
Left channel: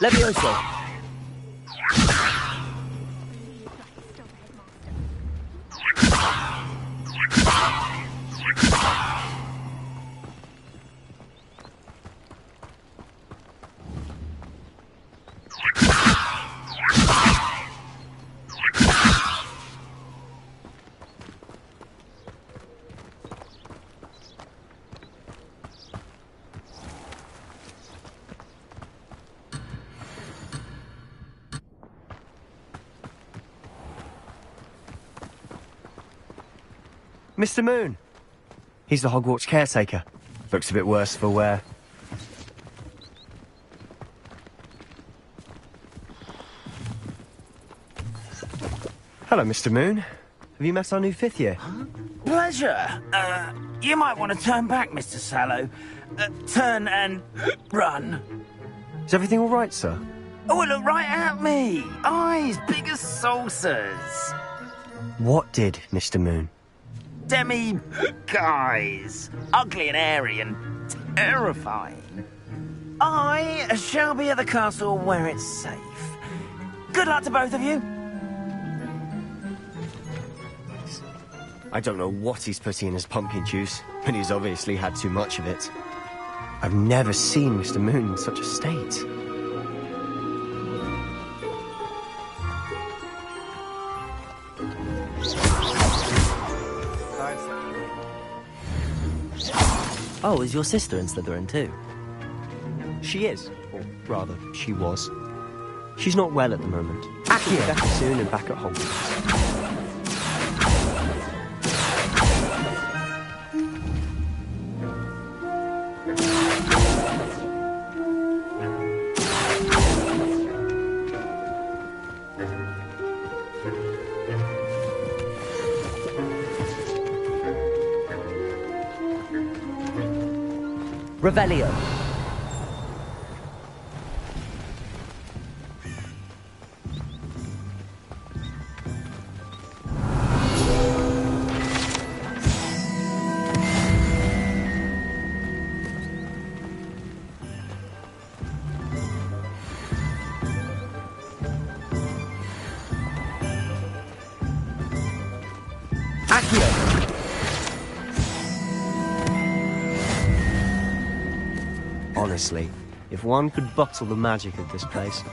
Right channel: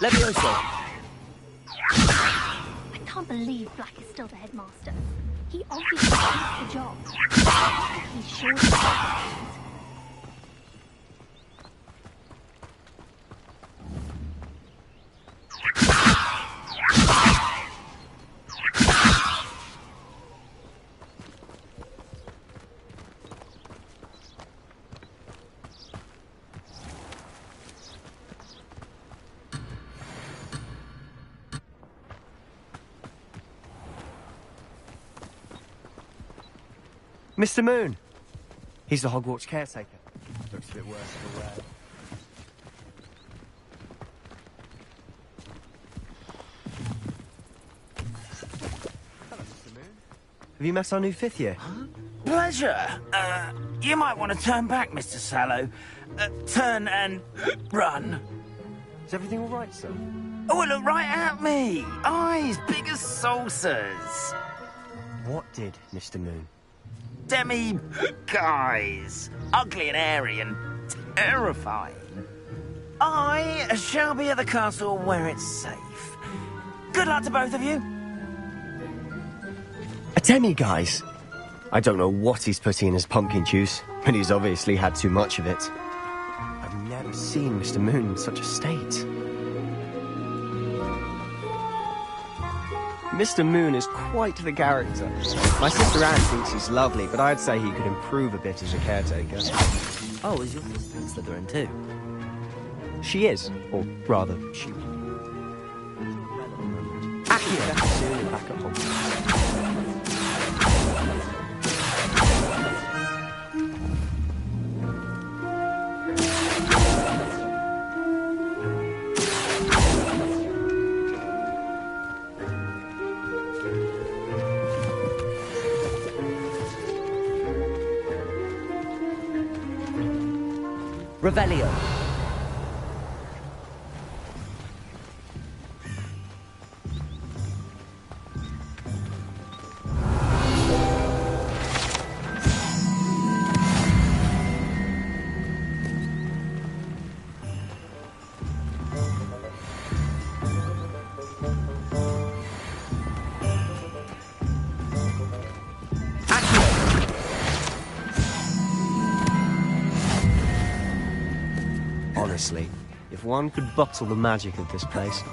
Levioso! I can't believe Black is still the headmaster. He obviously has the job. He's sure. Mr. Moon! He's the Hogwarts caretaker. Looks a bit worse for wear. Hello, Mr. Moon. Have you met our new fifth year? Pleasure. You might want to turn back, Mr. Sallow. Turn and run. Is everything all right, sir? Oh, look right at me. Eyes big as saucers. What did, Mr. Moon? Demi guys. Ugly and airy and terrifying. I shall be at the castle where it's safe. Good luck to both of you. A demi-guise? I don't know what he's putting in his pumpkin juice, but he's obviously had too much of it. I've never seen Mr. Moon in such a state. Mr. Moon is quite the character. My sister Anne thinks he's lovely, but I'd say he could improve a bit as a caretaker. Oh, is your sister in Slytherin too? She is, or rather, she was. She's not well at the moment. She'll be better soon and back at Hogwarts. Revelio. Honestly, if one could bottle the magic of this place.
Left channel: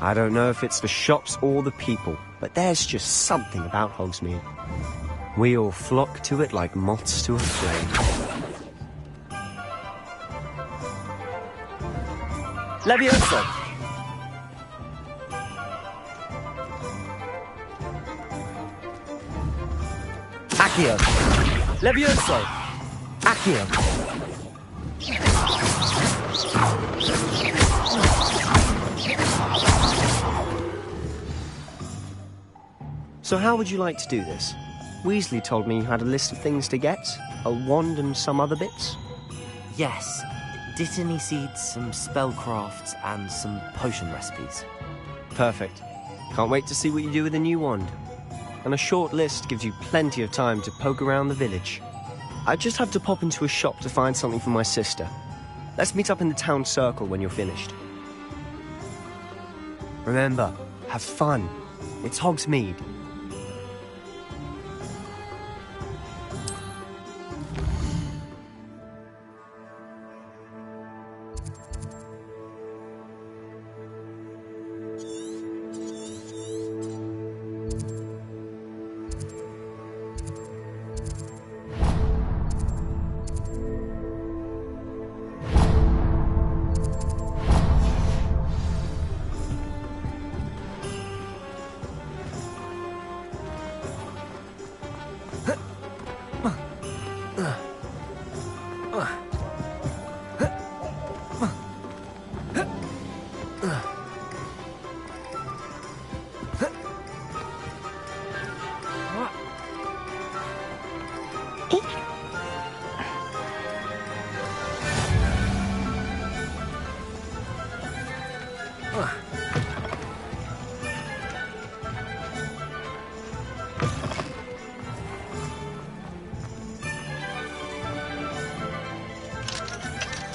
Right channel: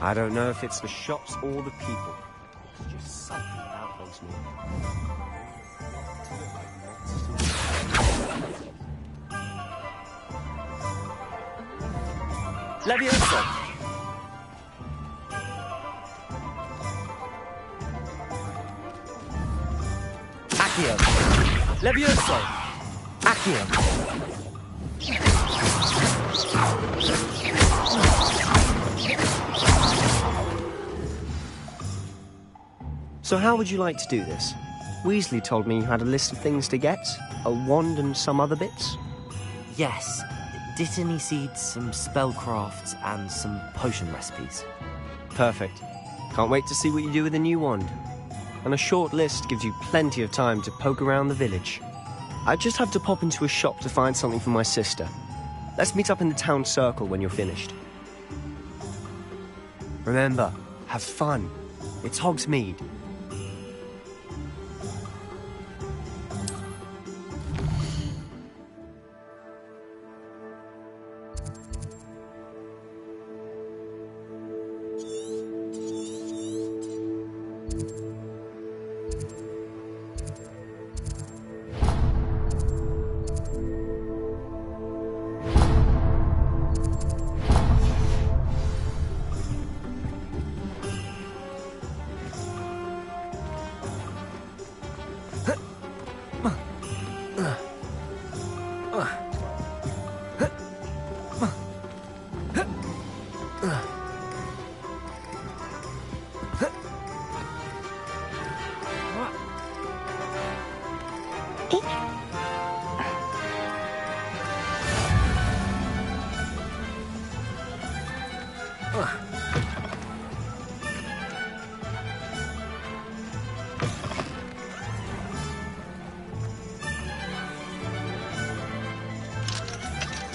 I don't know if it's the shops or the people, but there's just something about Hogsmeade. We all flock to it like moths to a flame. Levioso! Accio! Levioso! Accio! So how would you like to do this? Weasley told me you had a list of things to get, a wand and some other bits. Yes. Dittany seeds, some spellcrafts, and some potion recipes. Perfect. Can't wait to see what you do with the new wand. And a short list gives you plenty of time to poke around the village. I just have to pop into a shop to find something for my sister. Let's meet up in the town circle when you're finished. Remember, have fun. It's Hogsmeade.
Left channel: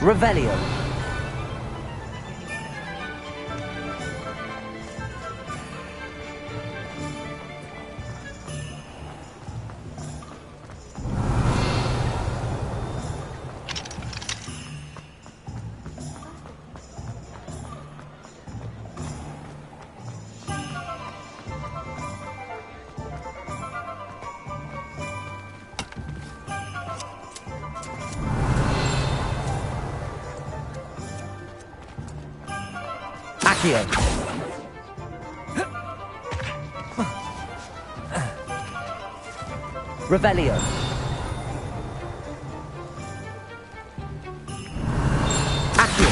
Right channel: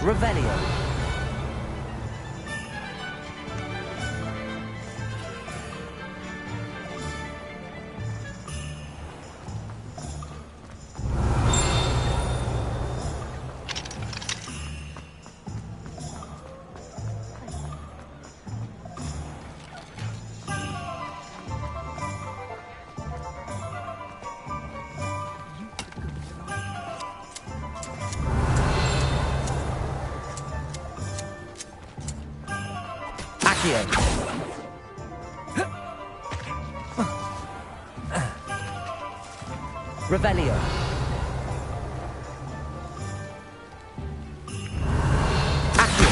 Revelio. Accio. Revelio. Accio.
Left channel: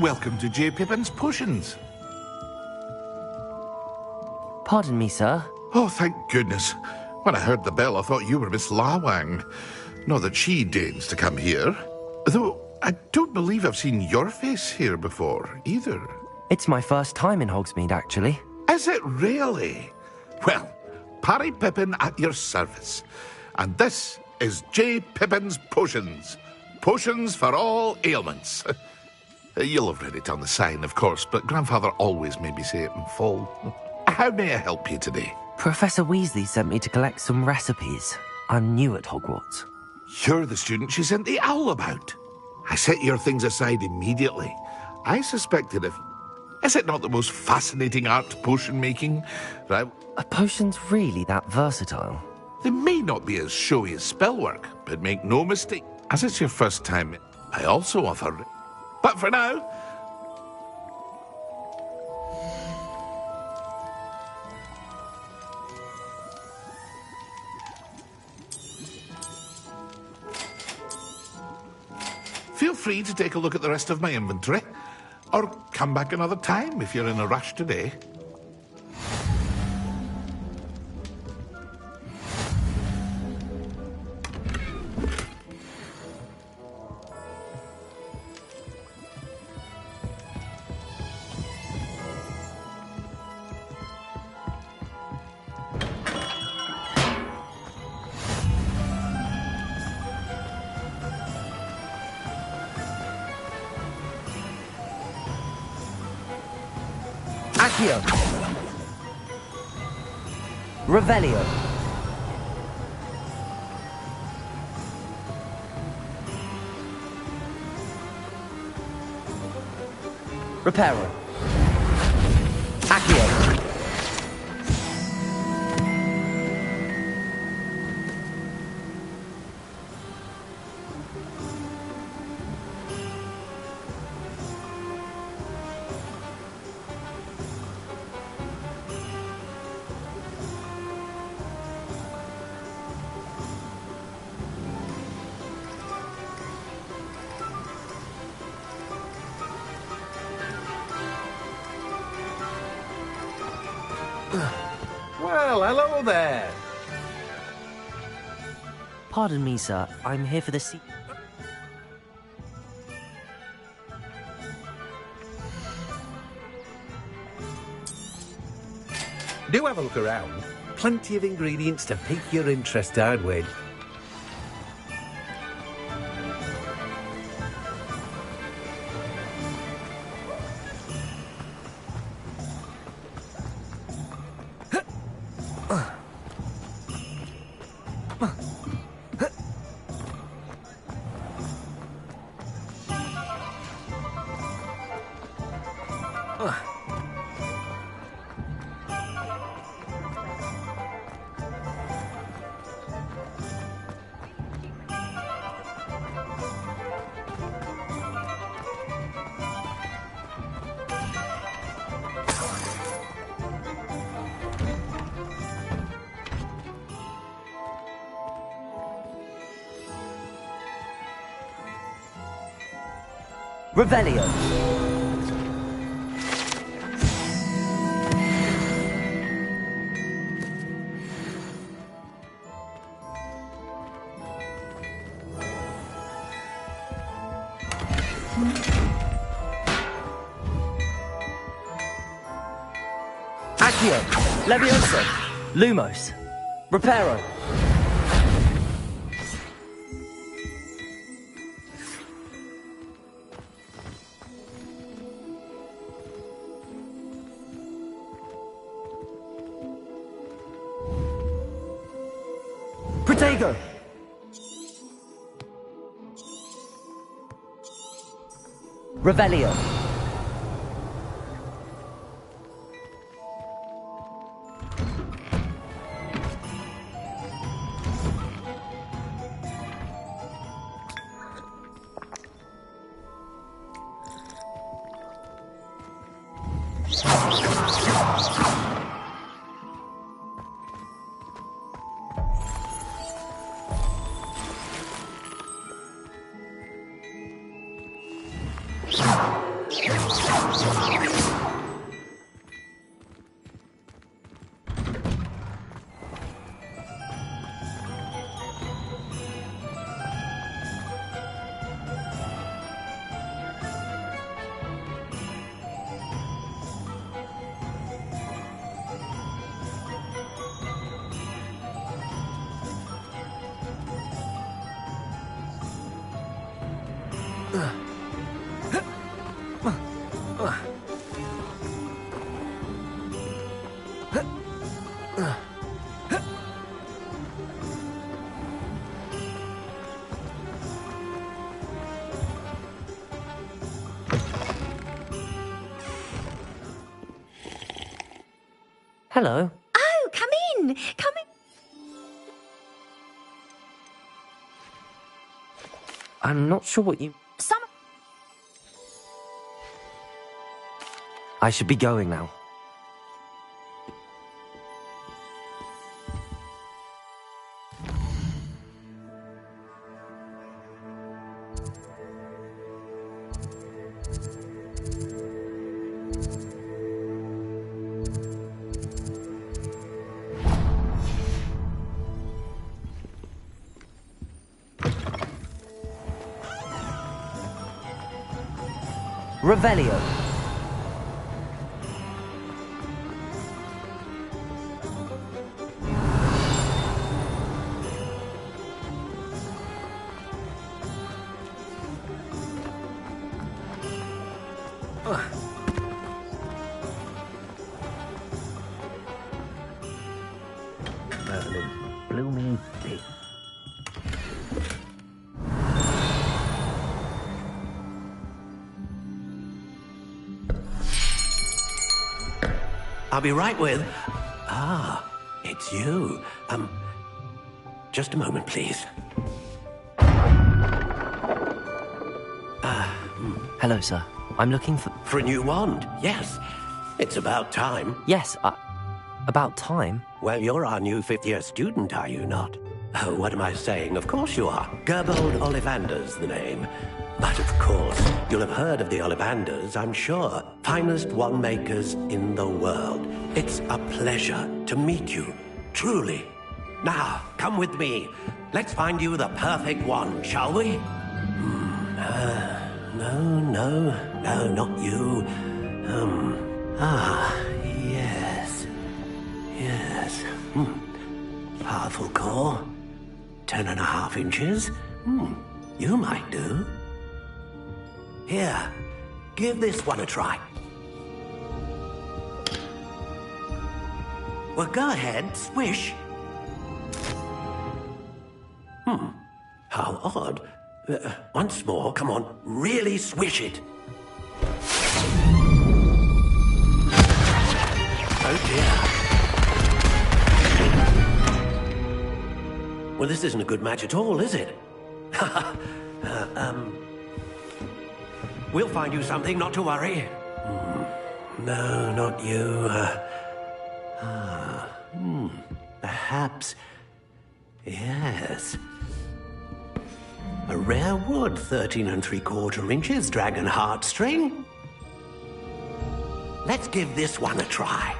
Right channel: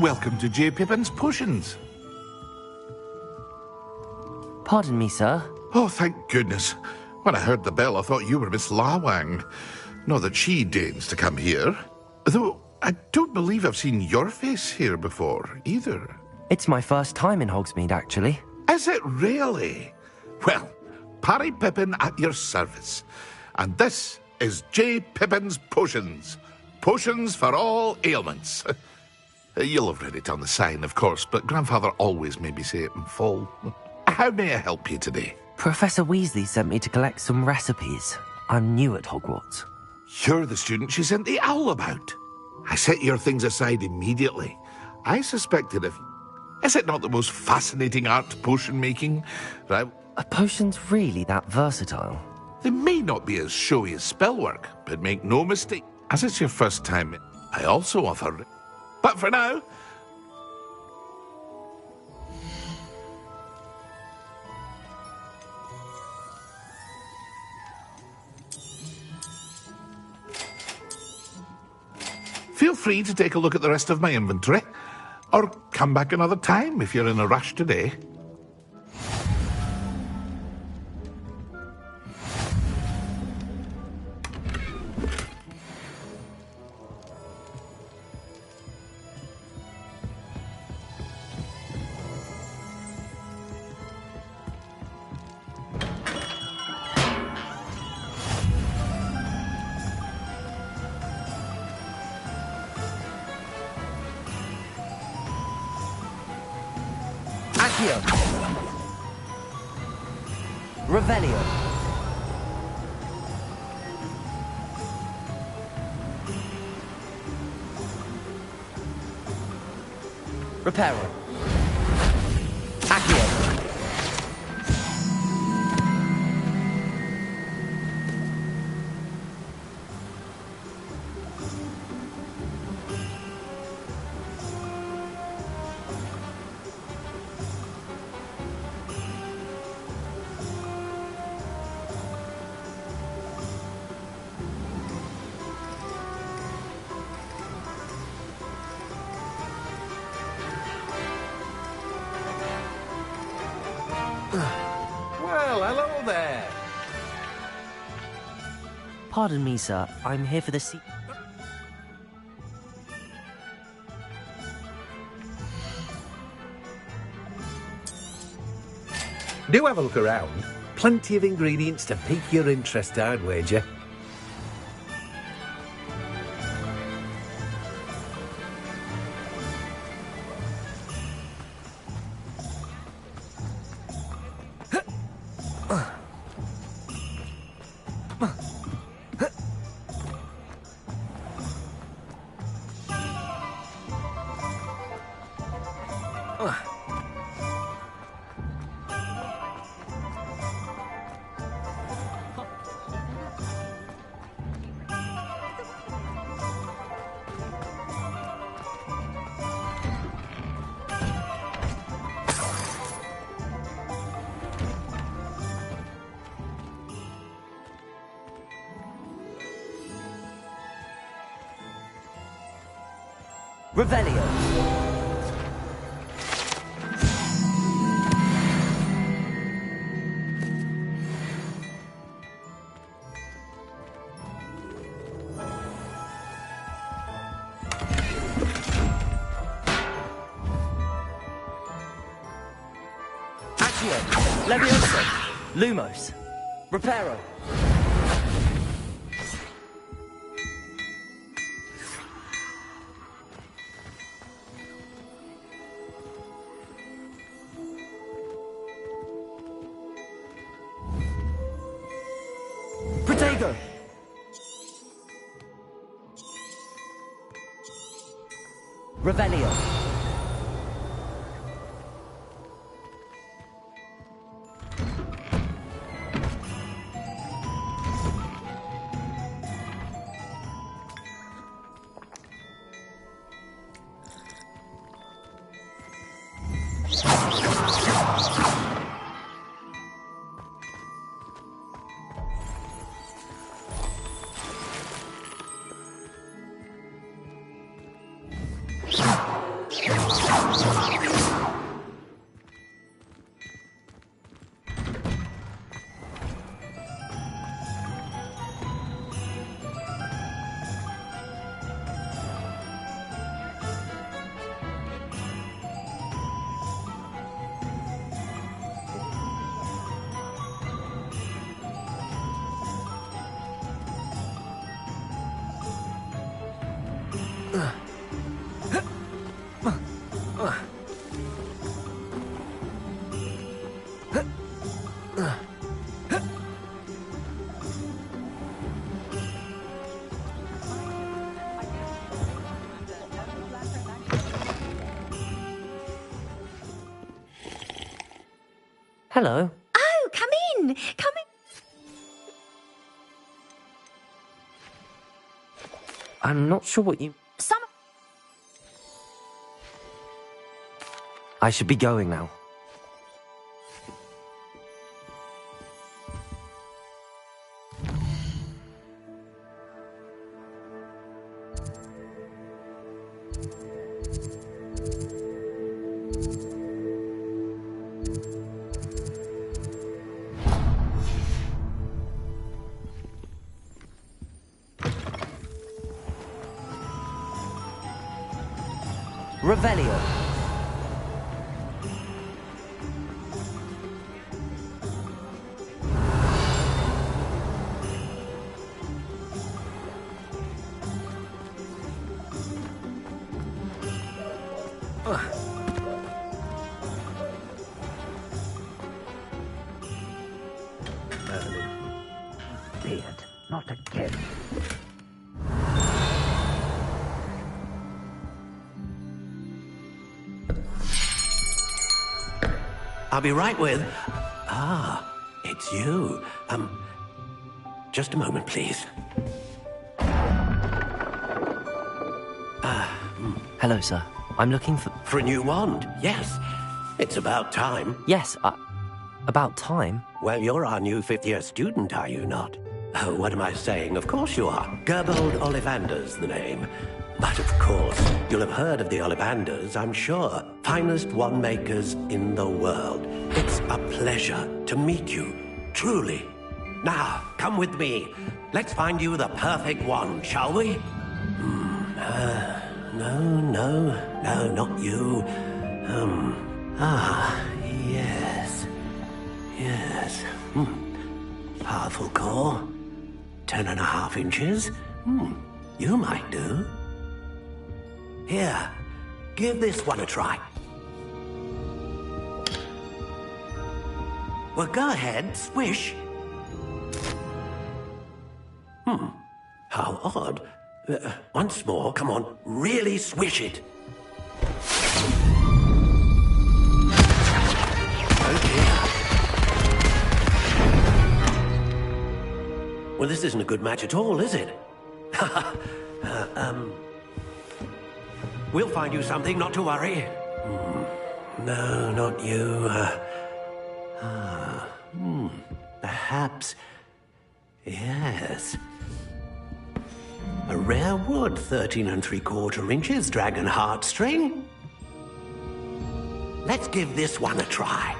Welcome to J. Pippin's Potions. Pardon me, sir. Oh, thank goodness. When I heard the bell, I thought you were Miss Lawang. Not that she deigns to come here. Though, I don't believe I've seen your face here before, either. It's my first time in Hogsmeade, actually. Is it really? Well, Parry Pippin at your service. And this is J. Pippin's Potions. Potions for all ailments. You'll have read it on the sign, of course, but Grandfather always made me say it in full. How may I help you today? Professor Weasley sent me to collect some recipes. I'm new at Hogwarts. You're the student she sent the owl about. I set your things aside immediately. I suspected if... Is it not the most fascinating art, potion making? Right? Are potions really that versatile? They may not be as showy as spellwork, but make no mistake. As it's your first time, I also offer... But for now... Feel free to take a look at the rest of my inventory, or come back another time if you're in a rush today. Accio. Revelio. Reparo. Accio. Well, hello there. Pardon me, sir. I'm here for the Do have a look around. Plenty of ingredients to pique your interest, I'd wager. Revelio. Accio. Levioso. Lumos. Reparo. Protego. Revelio. Hello. Oh, come in. Come in. I'm not sure what you... Some... I should be going now. Revelio. Merlin, blooming beard, not again. I'll be right with... Ah, it's you. Just a moment, please. Hello, sir. I'm looking for... For a new wand, yes. It's about time. Yes, about time? Well, you're our new fifth-year student, are you not? Oh, what am I saying? Of course you are. Gerbold Ollivander's the name. But of course, you'll have heard of the Ollivanders, I'm sure. Finest wand makers in the world. It's a pleasure to meet you, truly. Now, come with me. Let's find you the perfect wand, shall we? No, not you. Yes. Powerful core. 10.5 inches. You might do. Here, give this one a try. Well, go ahead, swish. How odd. Once more, come on, really swish it. Oh dear. Well, this isn't a good match at all, is it? We'll find you something, not to worry. No, not you. Perhaps... Yes. A rare wood, 13 3/4 inches, dragon heartstring. Let's give this one a try.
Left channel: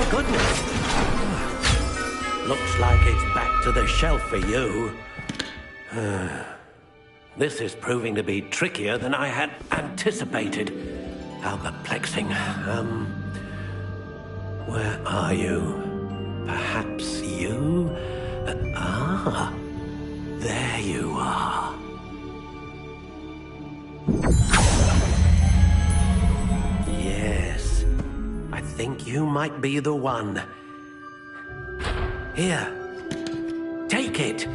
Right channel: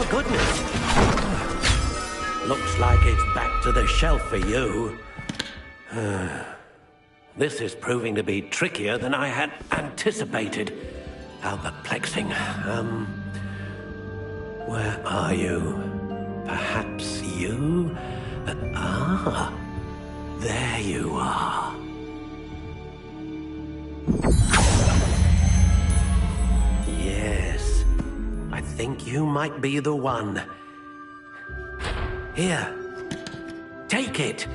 Oh, goodness. Looks like it's back to the shelf for you. This is proving to be trickier than I had anticipated. How perplexing. Where are you? Perhaps you? There you are. Yes, I think you might be the one. Here, take it.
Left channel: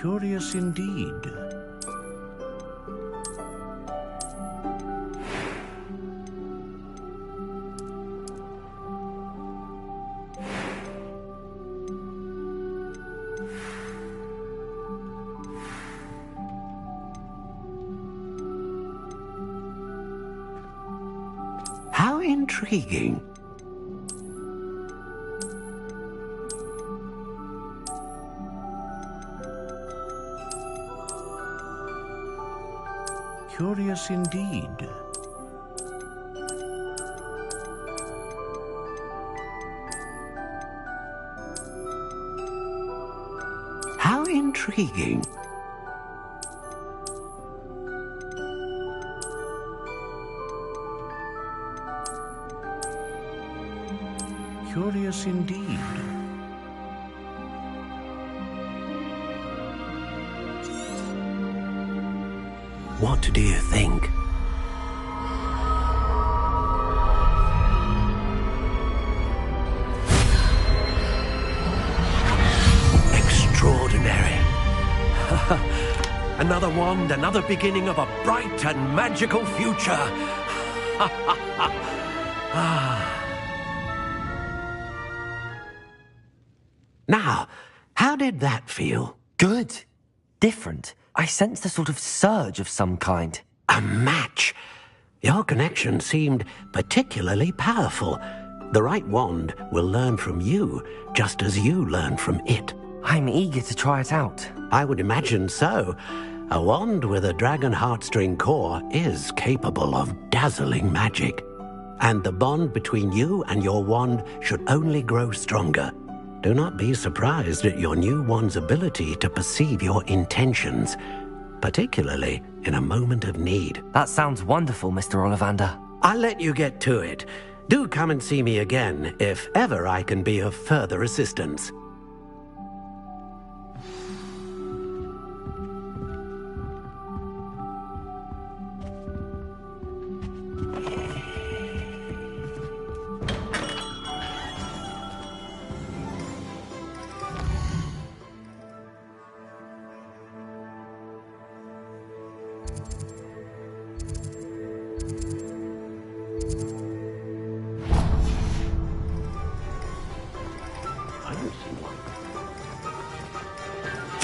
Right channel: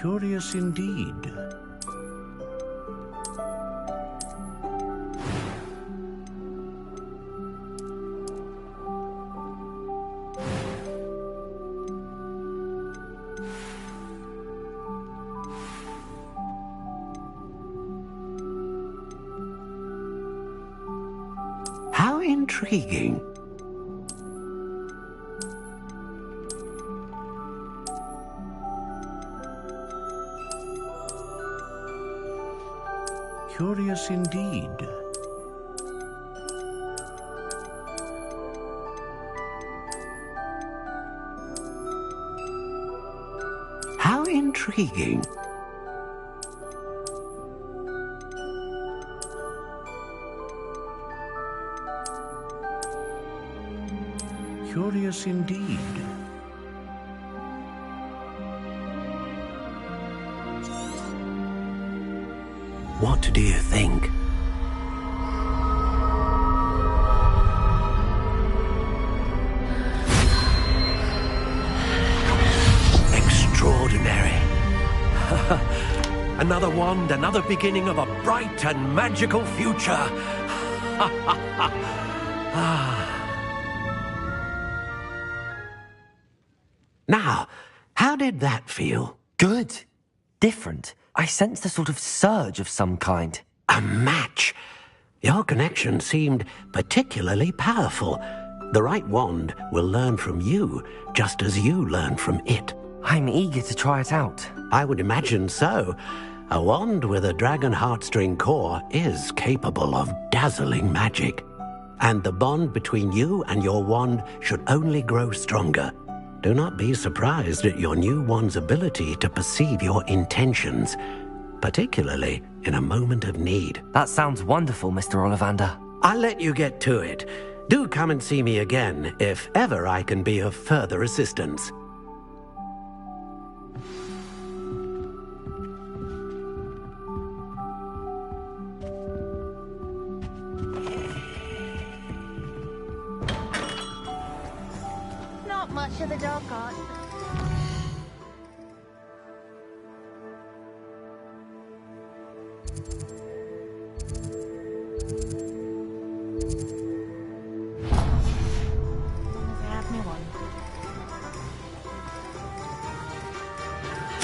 Curious indeed. How intriguing. Curious indeed. How intriguing. Curious indeed. What do you think? Extraordinary. Another wand, another beginning of a bright and magical future. Now, how did that feel? Good. Different. I sensed a sort of surge of some kind. A match. Your connection seemed particularly powerful. The right wand will learn from you, just as you learn from it. I'm eager to try it out. I would imagine so. A wand with a dragon heartstring core is capable of dazzling magic. And the bond between you and your wand should only grow stronger. Do not be surprised at your new wand's ability to perceive your intentions, particularly in a moment of need. That sounds wonderful, Mr. Ollivander. I'll let you get to it. Do come and see me again if ever I can be of further assistance. Not much of a dog cart.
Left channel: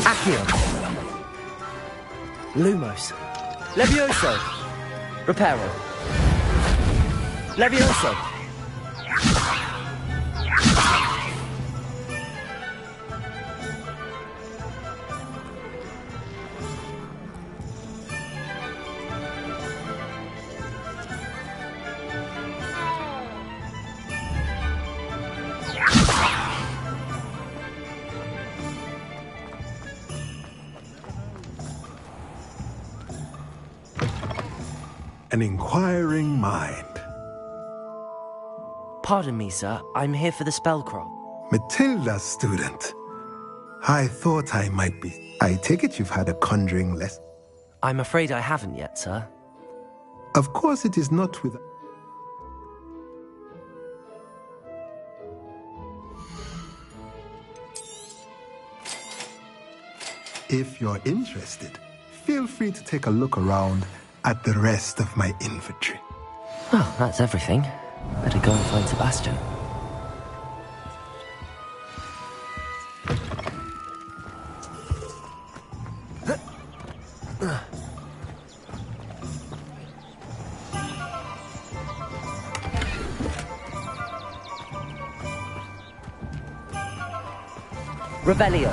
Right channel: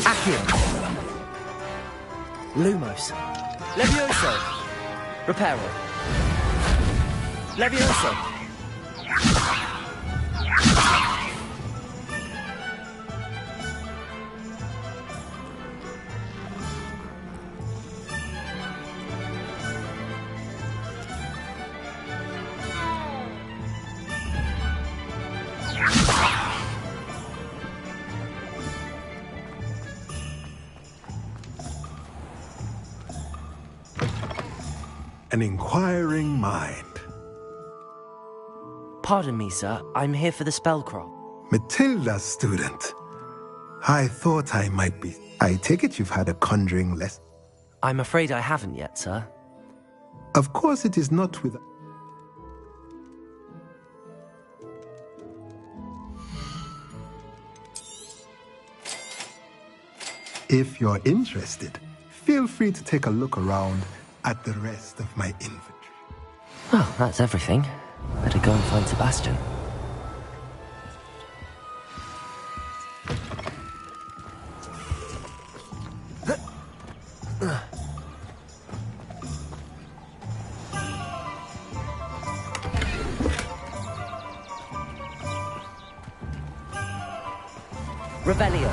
Accio. Lumos. Levioso. Reparo. Levioso. An inquiring mind. Pardon me, sir. I'm here for the spellcraft. Matilda's student. I thought I might be. I take it you've had a conjuring lesson? I'm afraid I haven't yet, sir. Of course it is not with... If you're interested, feel free to take a look around at the rest of my inventory. Well, that's everything. Better go and find Sebastian. Revelio.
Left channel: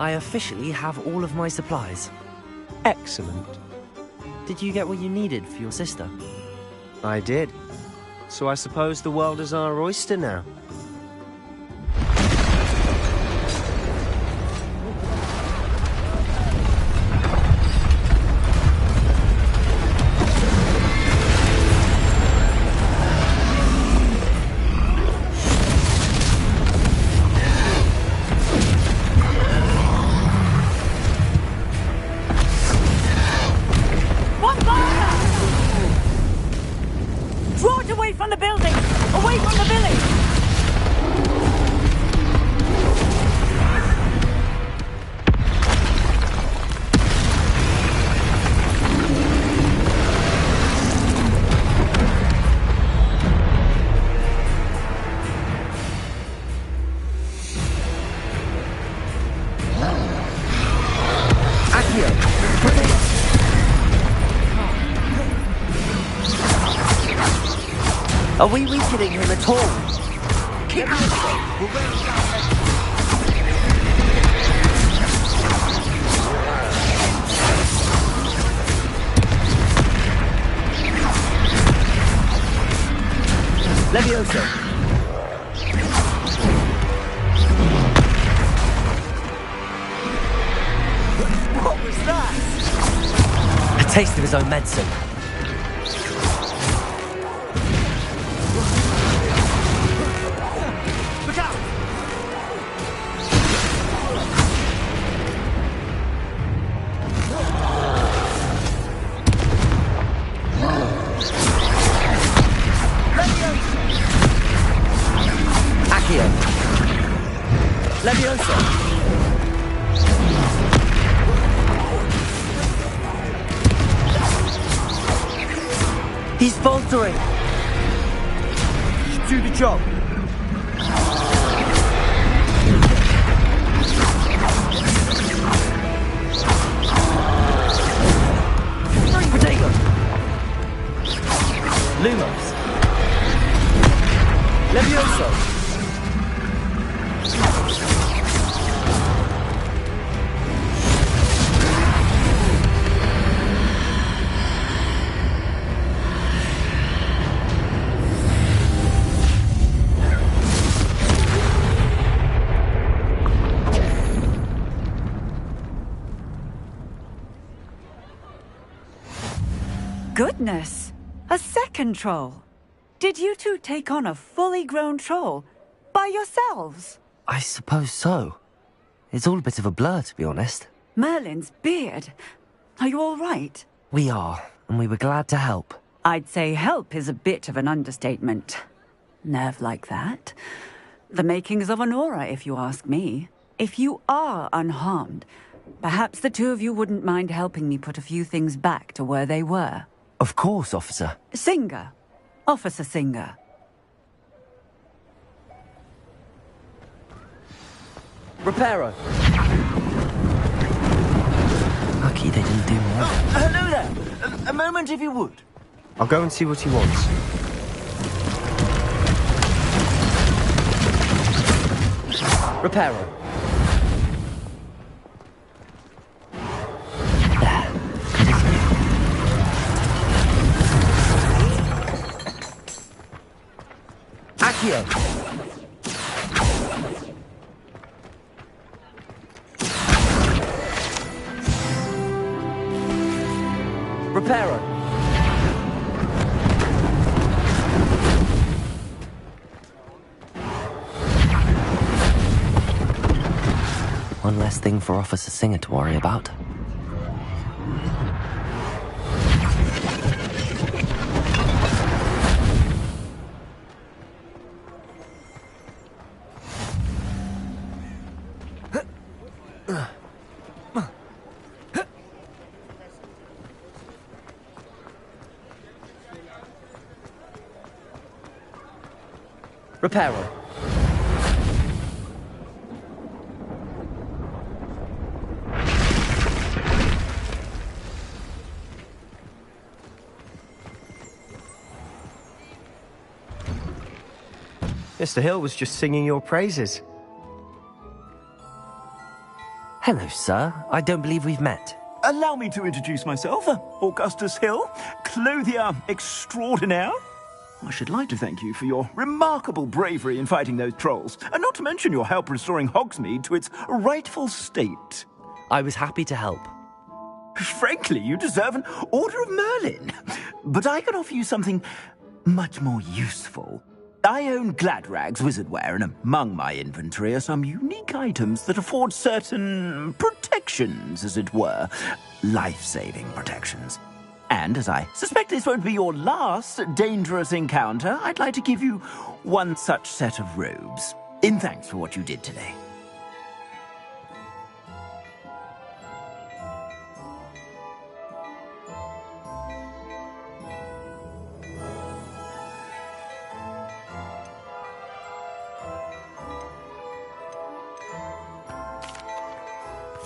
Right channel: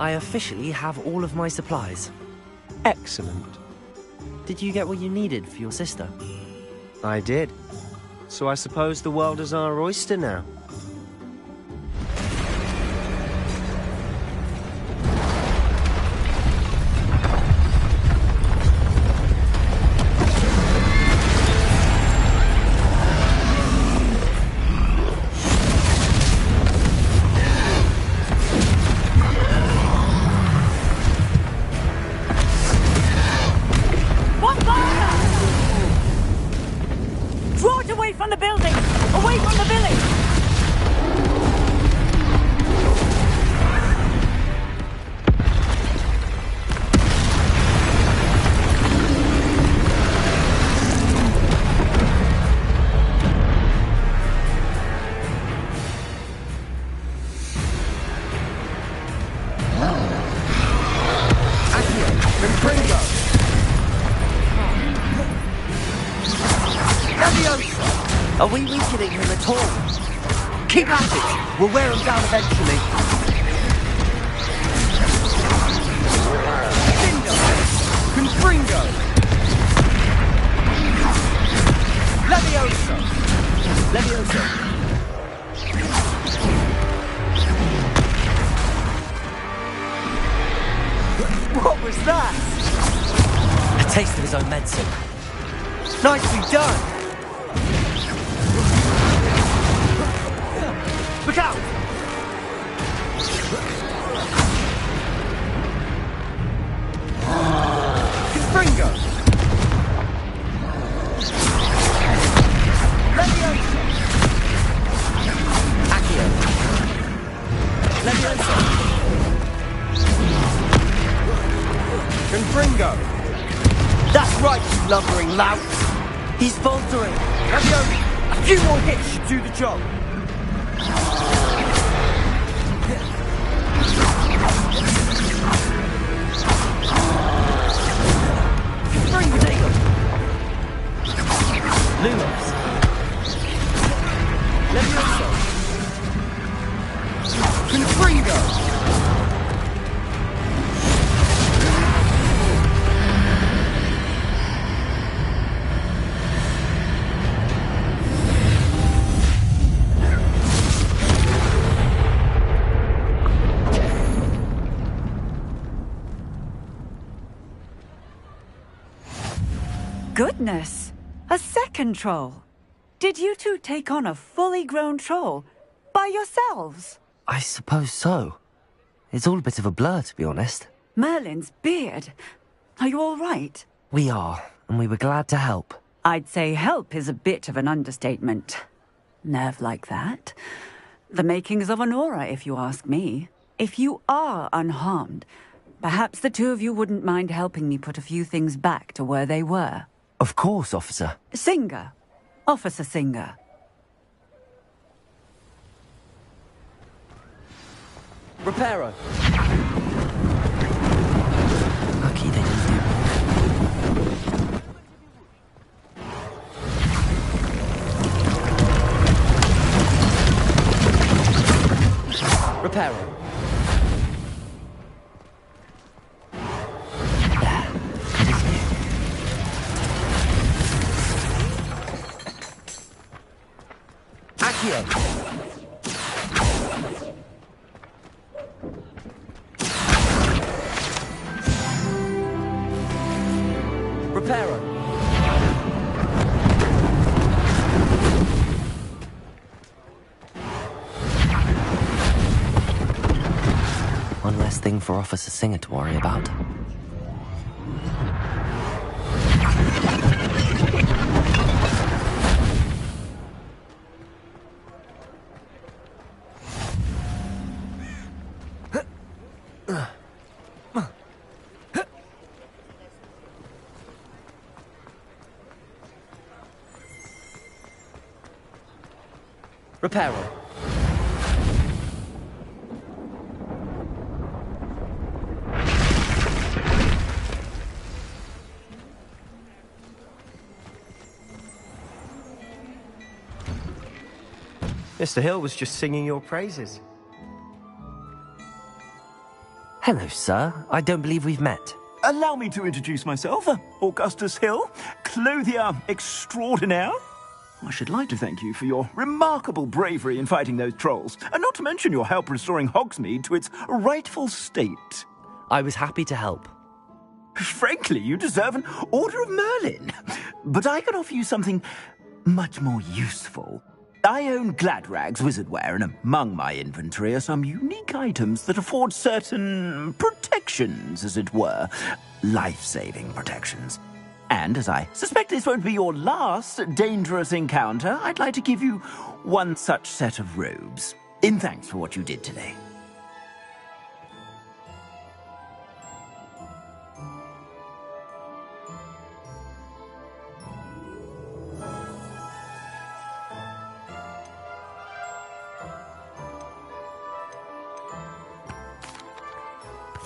I officially have all of my supplies. Excellent. Did you get what you needed for your sister? I did. So I suppose the world is our oyster now. Are we weakening him at all? Keep at it! We'll wear him down eventually. Leviosa! What was that? A taste of his own medicine. Nicely done! Look out! Springer! Leviosa! Accio! Leviosa! Springer! That's right, you lumbering lad! He's faltering! A few more hits should do the job! Potato! Lumos! Levioso! Goodness! A second troll! Did you two take on a fully grown troll? By yourselves? I suppose so. It's all a bit of a blur, to be honest. Merlin's beard. Are you all right? We are, and we were glad to help. I'd say help is a bit of an understatement. Nerve like that. The makings of an aura, if you ask me. If you are unharmed, perhaps the two of you wouldn't mind helping me put a few things back to where they were. Of course, officer. Singer. Officer Singer. Reparo. Lucky they didn't do more. Hello there. A moment if you would. I'll go and see what he wants. Reparo. Accio! Reparo! One less thing for Officer Singer to worry about. Reparo. Mr. Hill was just singing your praises. Hello, sir. I don't believe we've met. Allow me to introduce myself, Augustus Hill, clothier extraordinaire. I should like to thank you for your remarkable bravery in fighting those trolls, and not to mention your help restoring Hogsmeade to its rightful state. I was happy to help. Frankly, you deserve an Order of Merlin. But I can offer you something much more useful. I own Gladrag's wizardware, and among my inventory are some unique items that afford certain protections, as it were. Life-saving protections. And as I suspect this won't be your last dangerous encounter, I'd like to give you one such set of robes, in thanks for what you did today.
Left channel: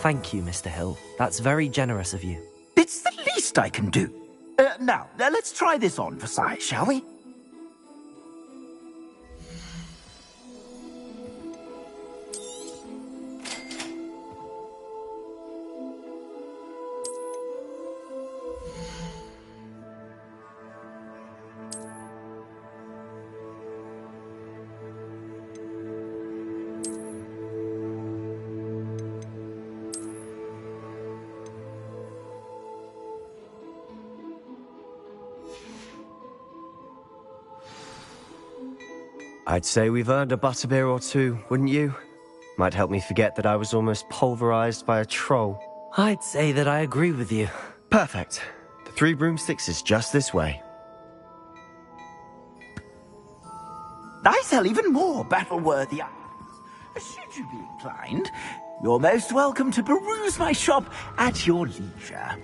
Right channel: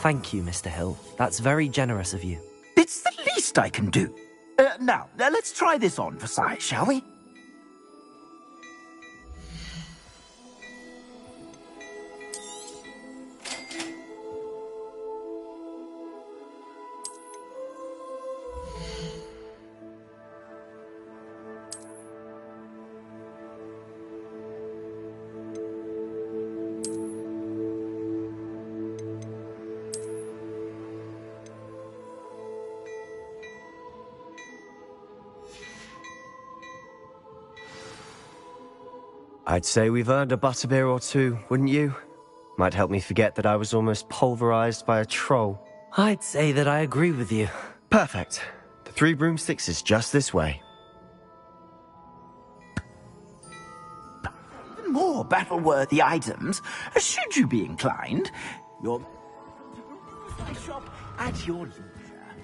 Thank you, Mr. Hill. That's very generous of you. It's the least I can do. Now, let's try this on for size, shall we? I'd say we've earned a butterbeer or two, wouldn't you? Might help me forget that I was almost pulverized by a troll. I'd say that I agree with you. Perfect. The 3 broomsticks is just this way. I sell even more battle-worthy items. Should you be inclined, you're most welcome to peruse my shop at your leisure.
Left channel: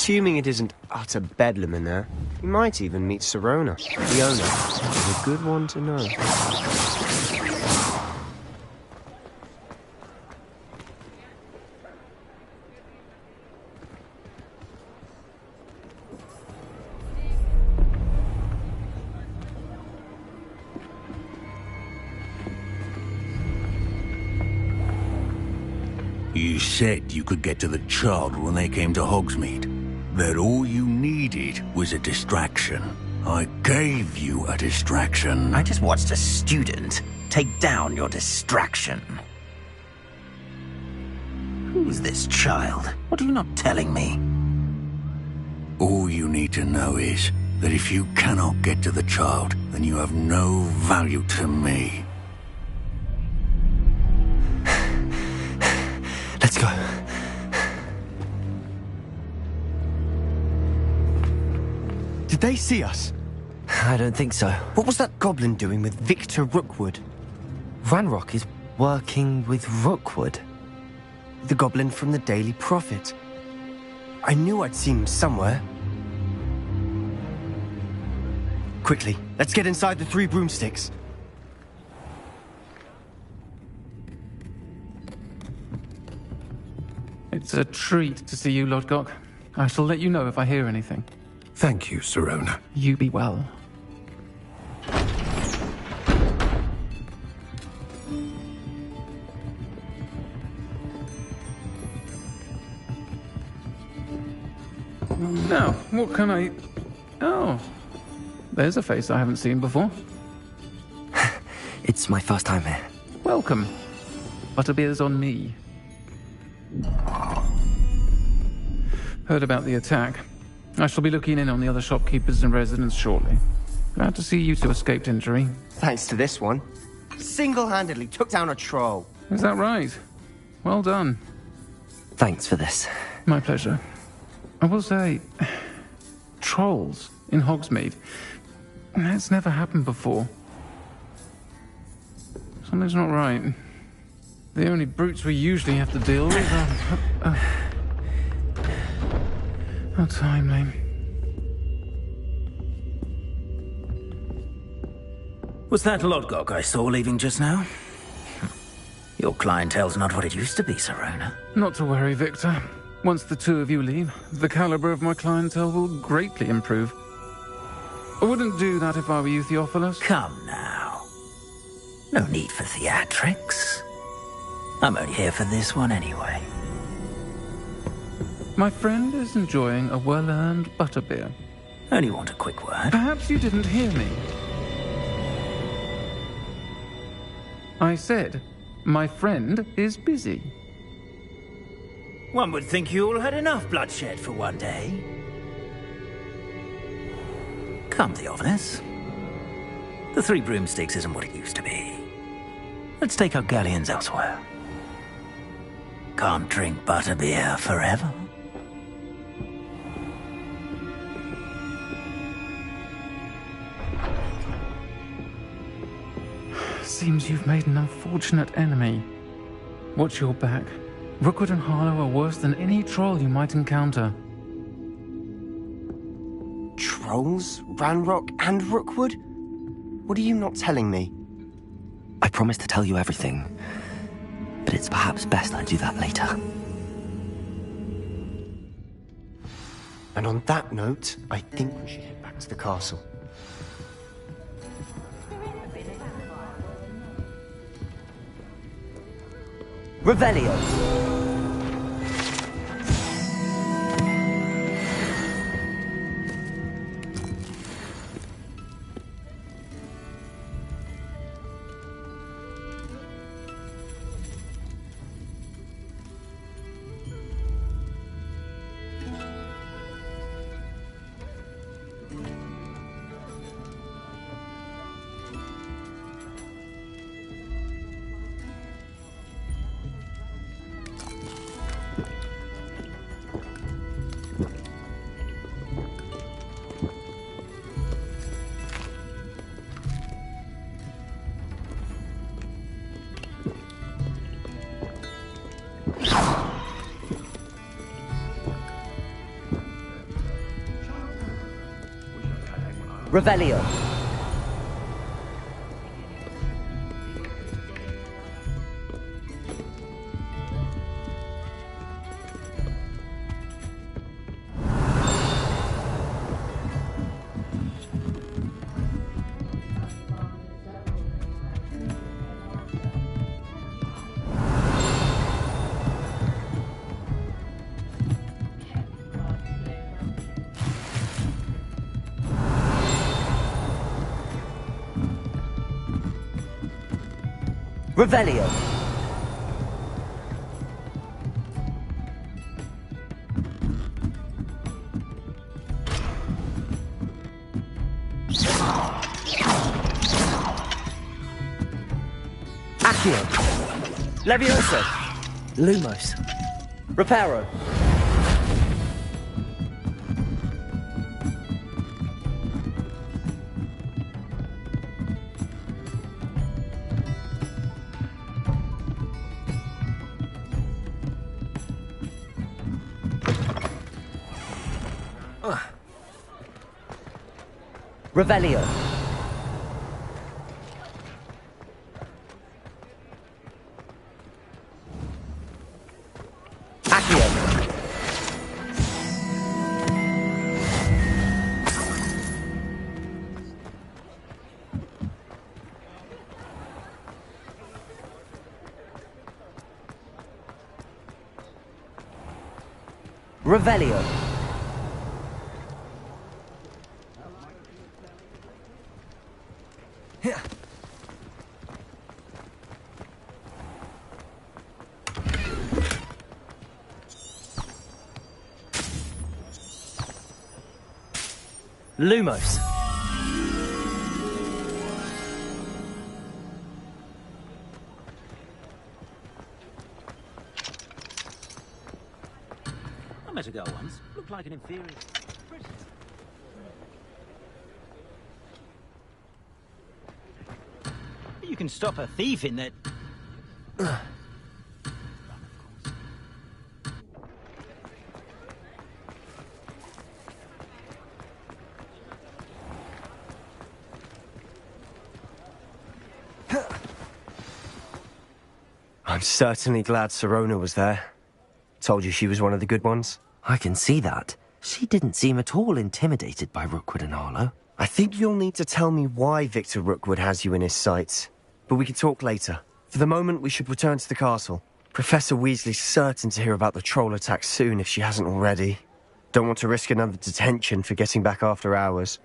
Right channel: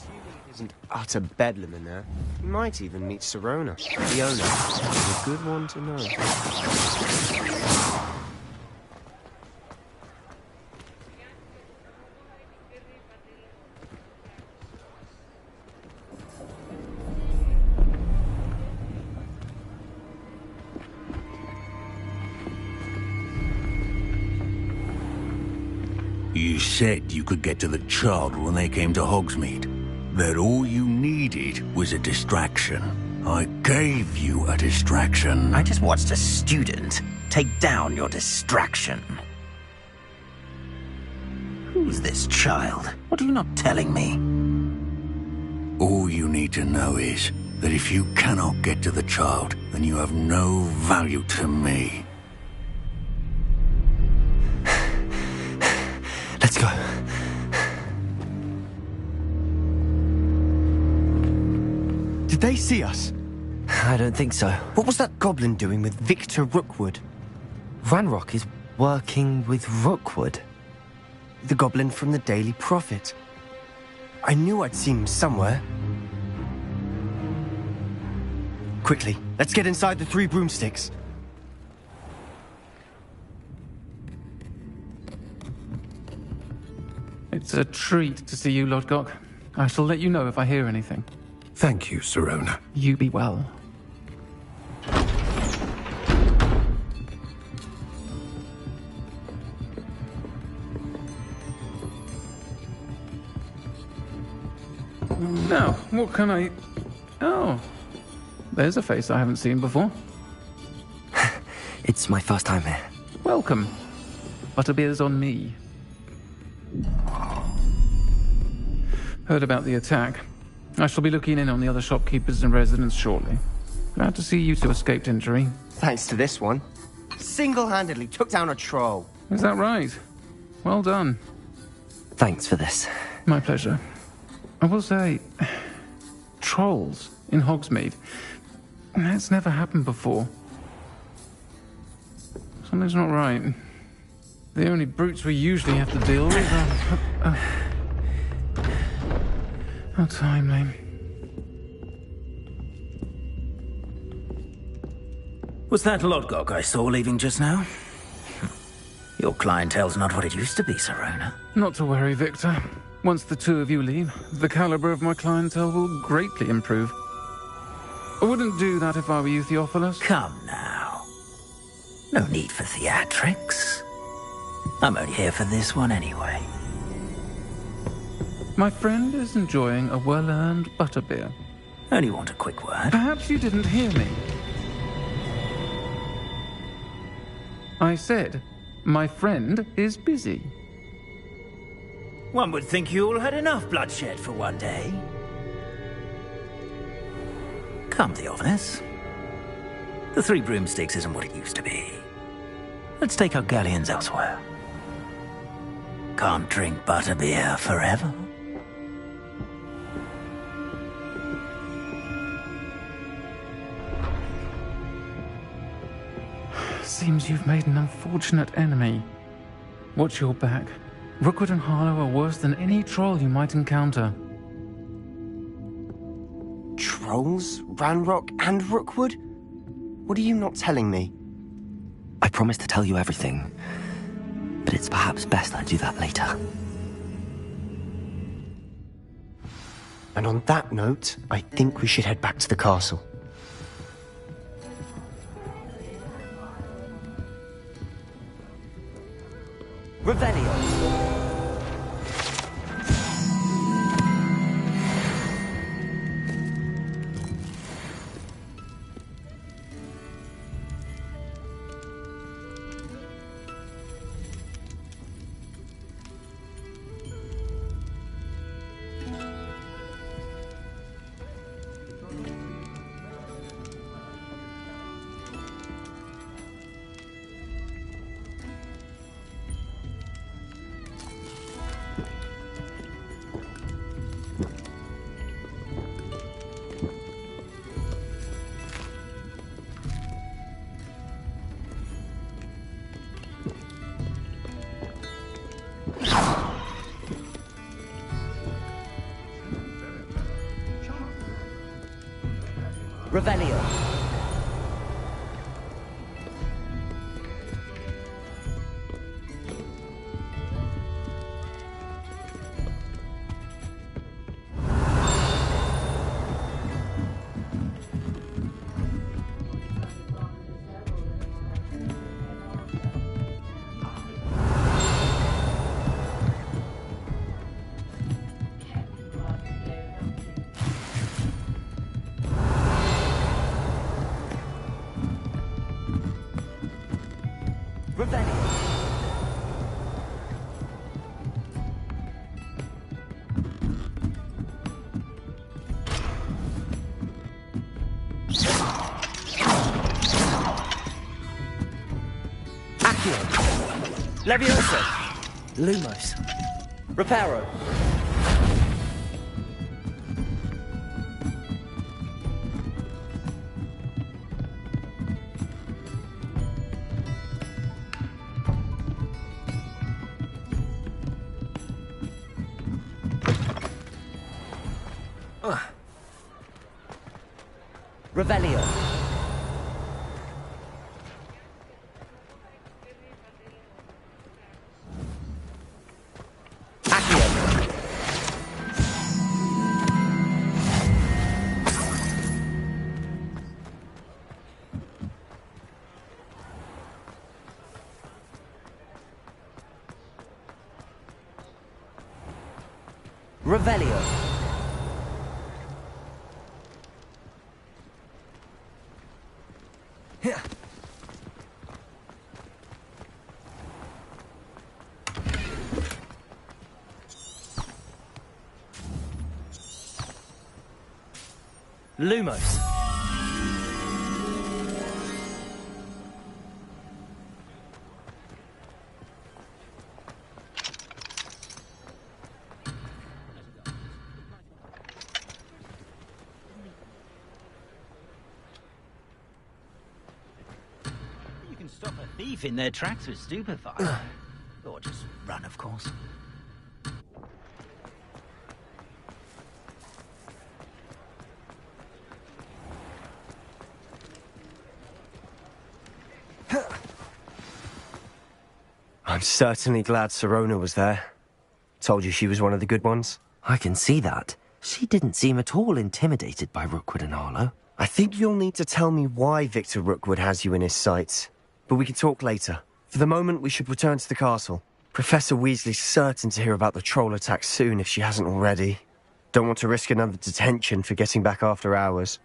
Assuming it isn't utter bedlam in there, you might even meet Sirona, the owner. Is a good one to know. You said you could get to the child when they came to Hogsmeade. That all you needed was a distraction. I gave you a distraction. I just watched a student take down your distraction. Who's this child? What are you not telling me? All you need to know is that if you cannot get to the child, then you have no value to me. Let's go. Did they see us? I don't think so. What was that goblin doing with Victor Rookwood? Ranrock is working with Rookwood. The goblin from the Daily Prophet. I knew I'd seen him somewhere. Quickly, let's get inside the 3 broomsticks. It's a treat to see you, Lodgok. I shall let you know if I hear anything. Thank you, Sirona. You be well. Now, what can I... Oh, there's a face I haven't seen before. It's my first time here. Welcome. Butterbeer's on me. Heard about the attack. I shall be looking in on the other shopkeepers and residents shortly. Glad to see you two escaped injury. Thanks to this one. Single-handedly took down a troll. Is that right? Well done. Thanks for this. My pleasure. I will say, trolls in Hogsmeade. That's never happened before. Something's not right. The only brutes we usually have to deal with are... How timely. Was that Lodgok I saw leaving just now? Your clientele's not what it used to be, Sirona. Not to worry, Victor. Once the two of you leave, the caliber of my clientele will greatly improve. I wouldn't do that if I were you, Theophilus. Come now. No need for theatrics. I'm only here for this one anyway. My friend is enjoying a well-earned butterbeer. Only want a quick word. Perhaps you didn't hear me. I said, my friend is busy. One would think you all had enough bloodshed for one day. Come, Theophilus. The 3 broomsticks isn't what it used to be. Let's take our galleons elsewhere. Can't drink butterbeer forever. Seems you've made an unfortunate enemy. Watch your back. Rookwood and Harlow are worse than any troll you might encounter. Trolls? Ranrock and Rookwood? What are you not telling me? I promised to tell you everything, but it's perhaps best I do that later. And on that note, I think we should head back to the castle. Revelio! Revelio. Revelio. Accio. Levioso. Lumos. Reparo. Revelio. Accio. Revelio. Lumos. I met a girl once. Looked like an inferior. You can stop a thief in their tracks with stupefy. Or just run, of course. I'm certainly glad Sirona was there. Told you she was one of the good ones. I can see that. She didn't seem at all intimidated by Rookwood and Harlow. I think you'll need to tell me why Victor Rookwood has you in his sights. But we can talk later. For the moment, we should return to the castle. Professor Weasley's certain to hear about the troll attack soon if she hasn't already. Don't want to risk another detention for getting back after hours.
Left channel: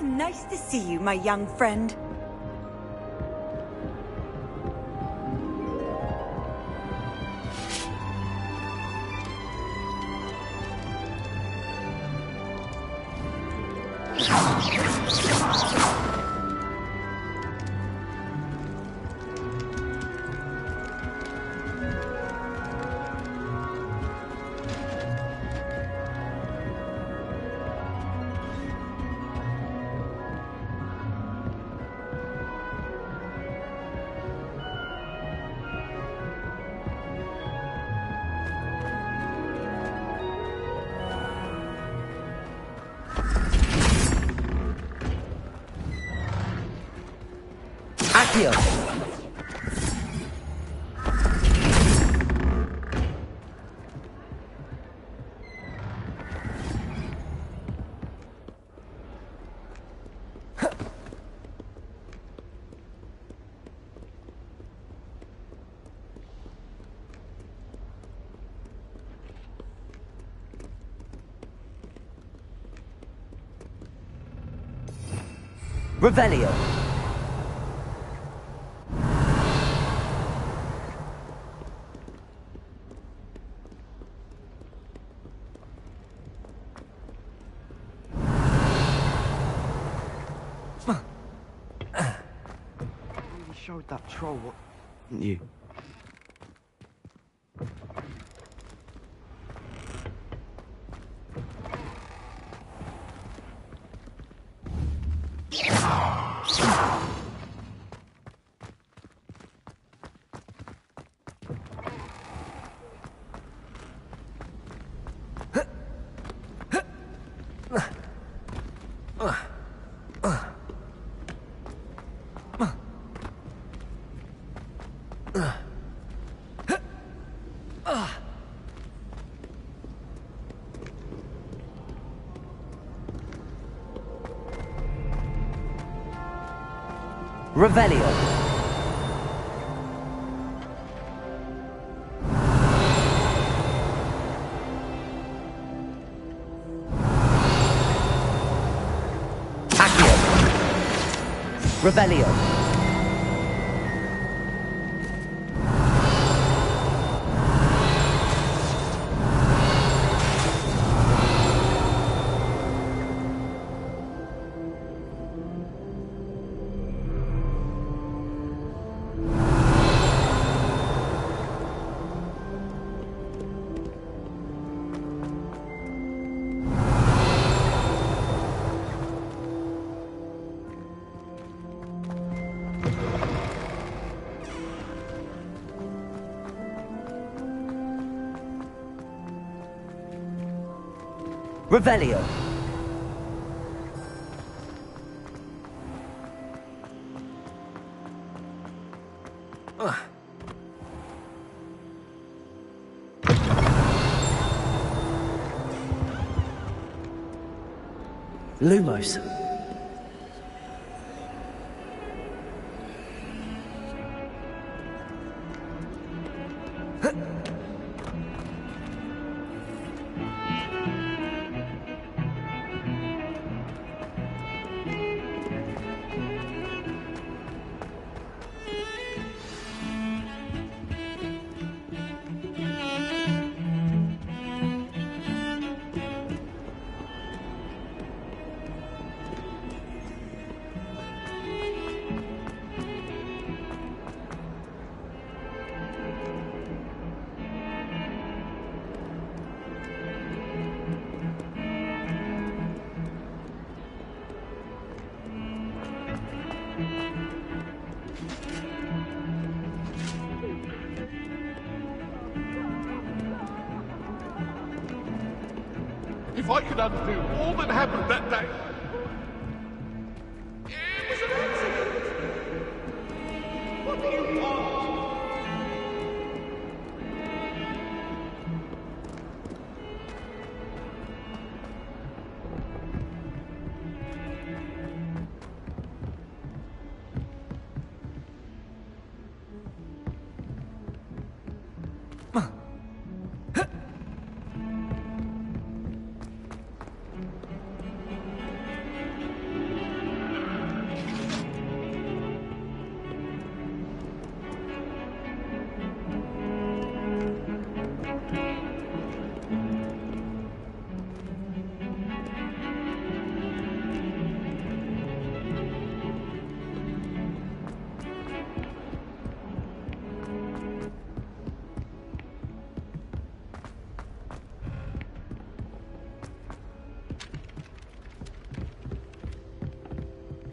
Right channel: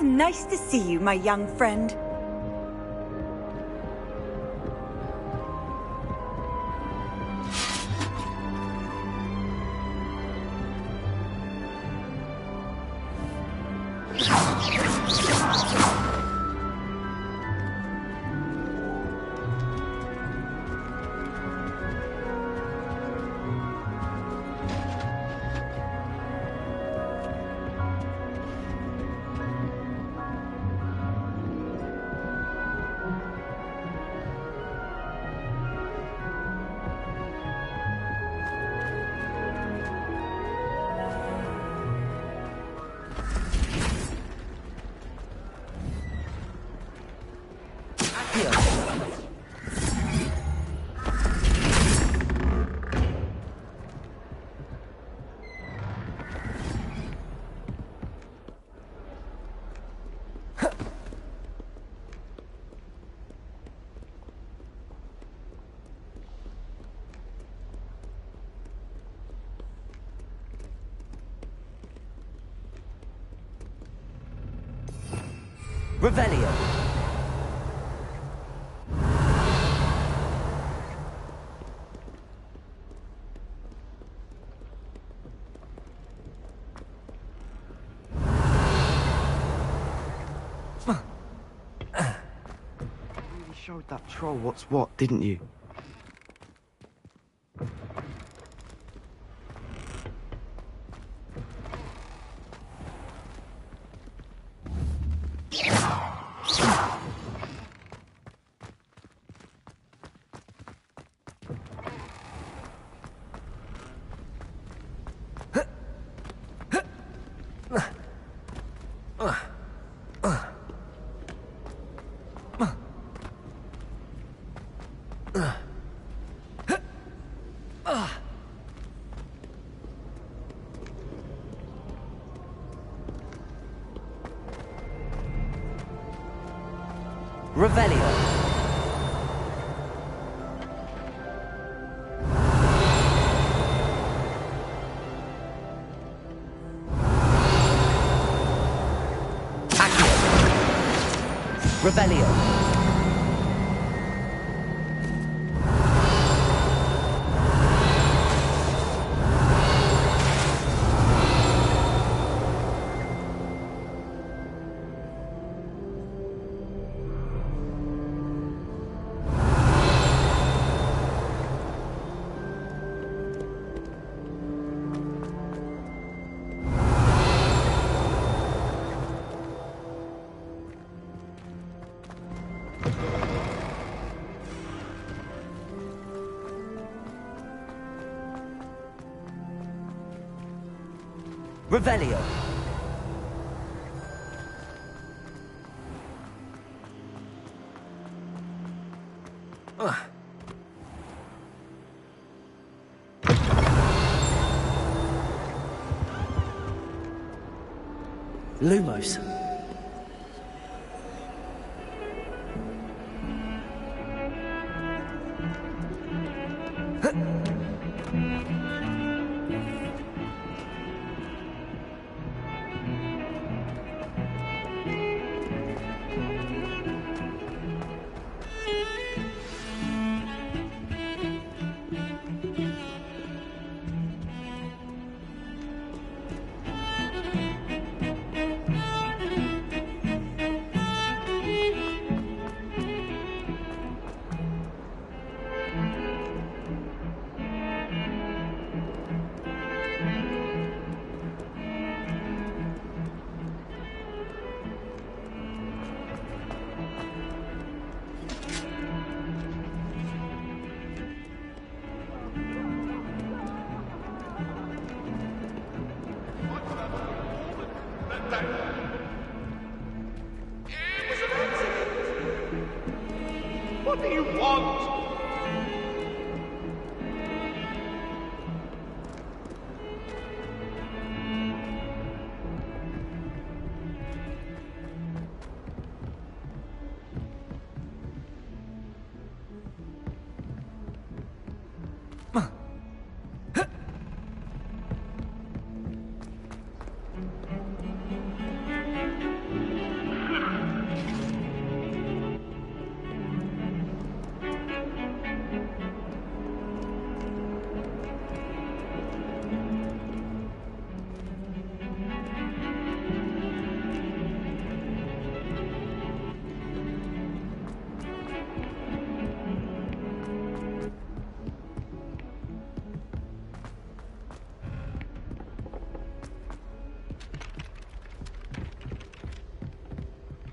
How nice to see you, my young friend. Accio! Revelio. Showed that troll what's what, didn't you? Revelio. Accio. Revelio. Revelio. Lumos. If I could undo all that happened that day. It was an accident. What do you want?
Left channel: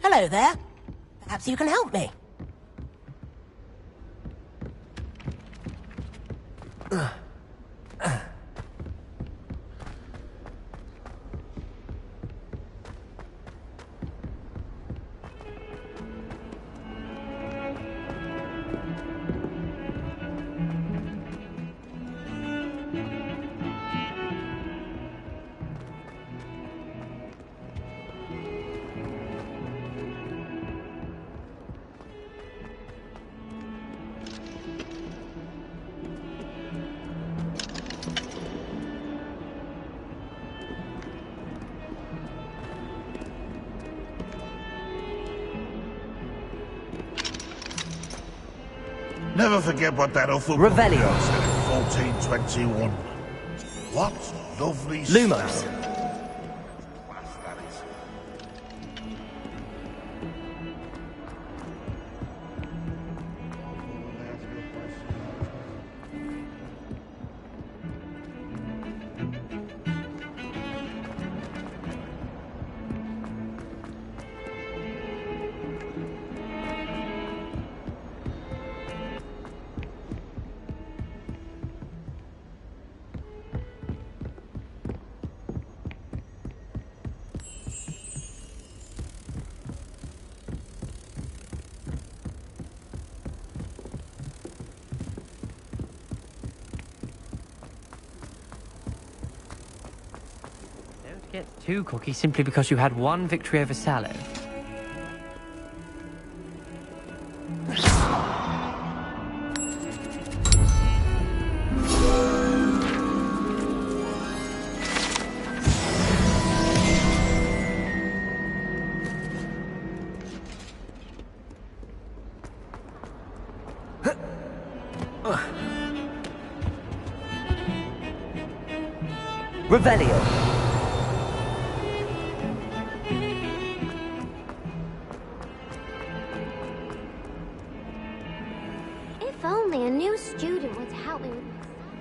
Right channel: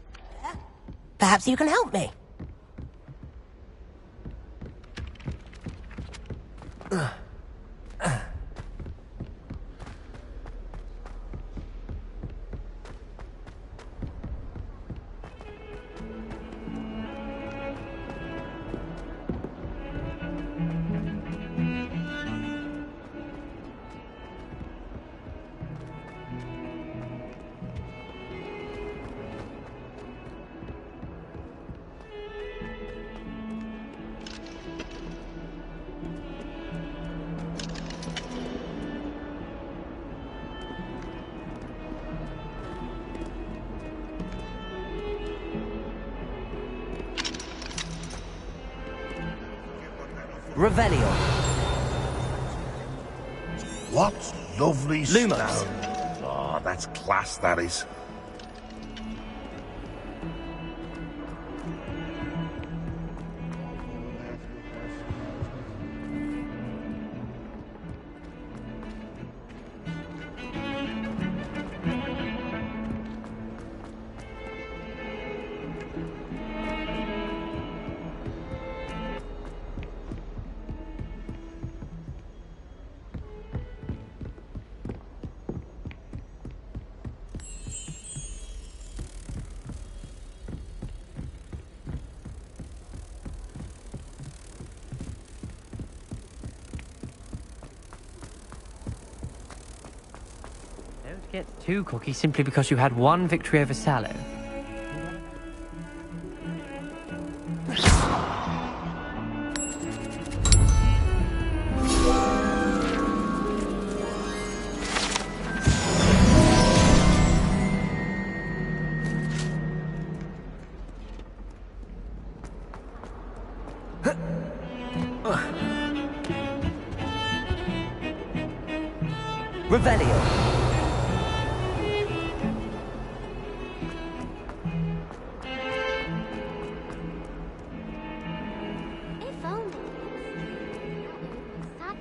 Hello there. Perhaps you can help me. Never forget what that awful... Revelio. 1421. What lovely Lumos. smell. Oh, that's class, that is. Don't get too cocky simply because you had one victory over Sallow. Revelio. If only a new student would help me with my stuff.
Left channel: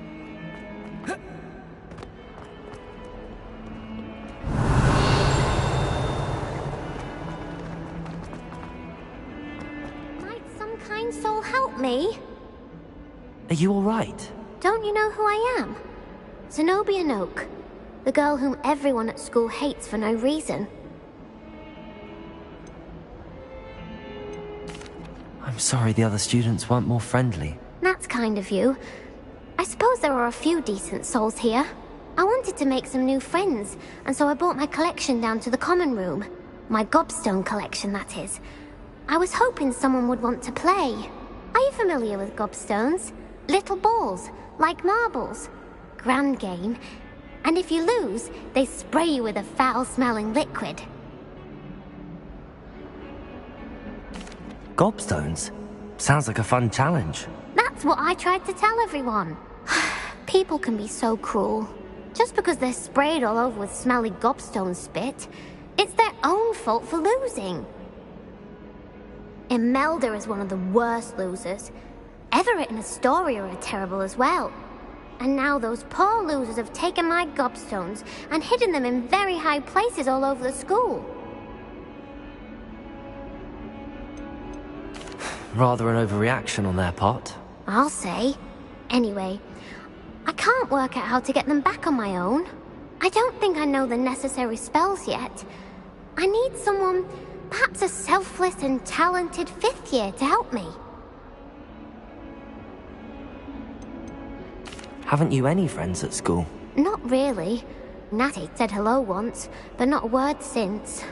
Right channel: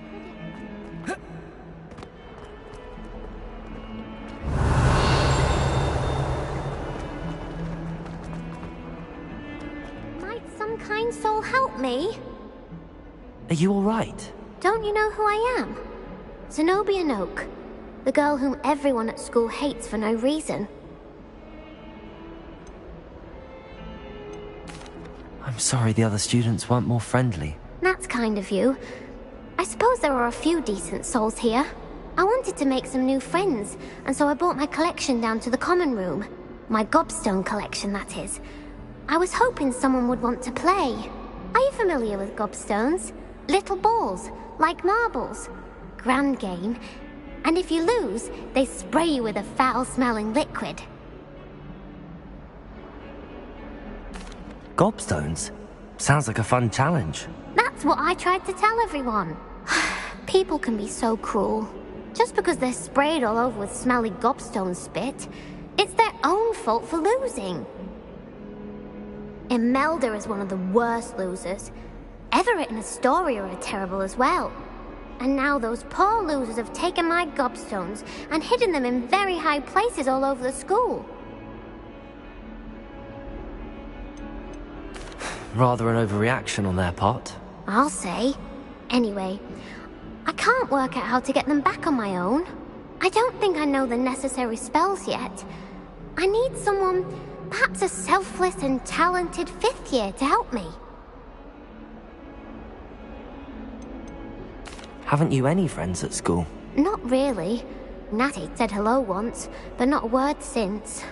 Might some kind soul help me? Are you all right? Don't you know who I am? Zenobia Noak, the girl whom everyone at school hates for no reason. I'm sorry the other students weren't more friendly. That's kind of you. I suppose there are a few decent souls here. I wanted to make some new friends, and so I brought my collection down to the common room. My gobstone collection, that is. I was hoping someone would want to play. Are you familiar with gobstones? Little balls, like marbles. Grand game. And if you lose, they spray you with a foul-smelling liquid. Gobstones? Sounds like a fun challenge. That's what I tried to tell everyone. People can be so cruel. Just because they're sprayed all over with smelly gobstone spit, it's their own fault for losing. Imelda is one of the worst losers. Everett and Astoria are terrible as well. And now those poor losers have taken my gobstones and hidden them in very high places all over the school. Rather an overreaction on their part. I'll say. Anyway, I can't work out how to get them back on my own. I don't think I know the necessary spells yet. I need someone, perhaps a selfless and talented 5th year to help me. Haven't you any friends at school? Not really. Natty said hello once, but not a word since.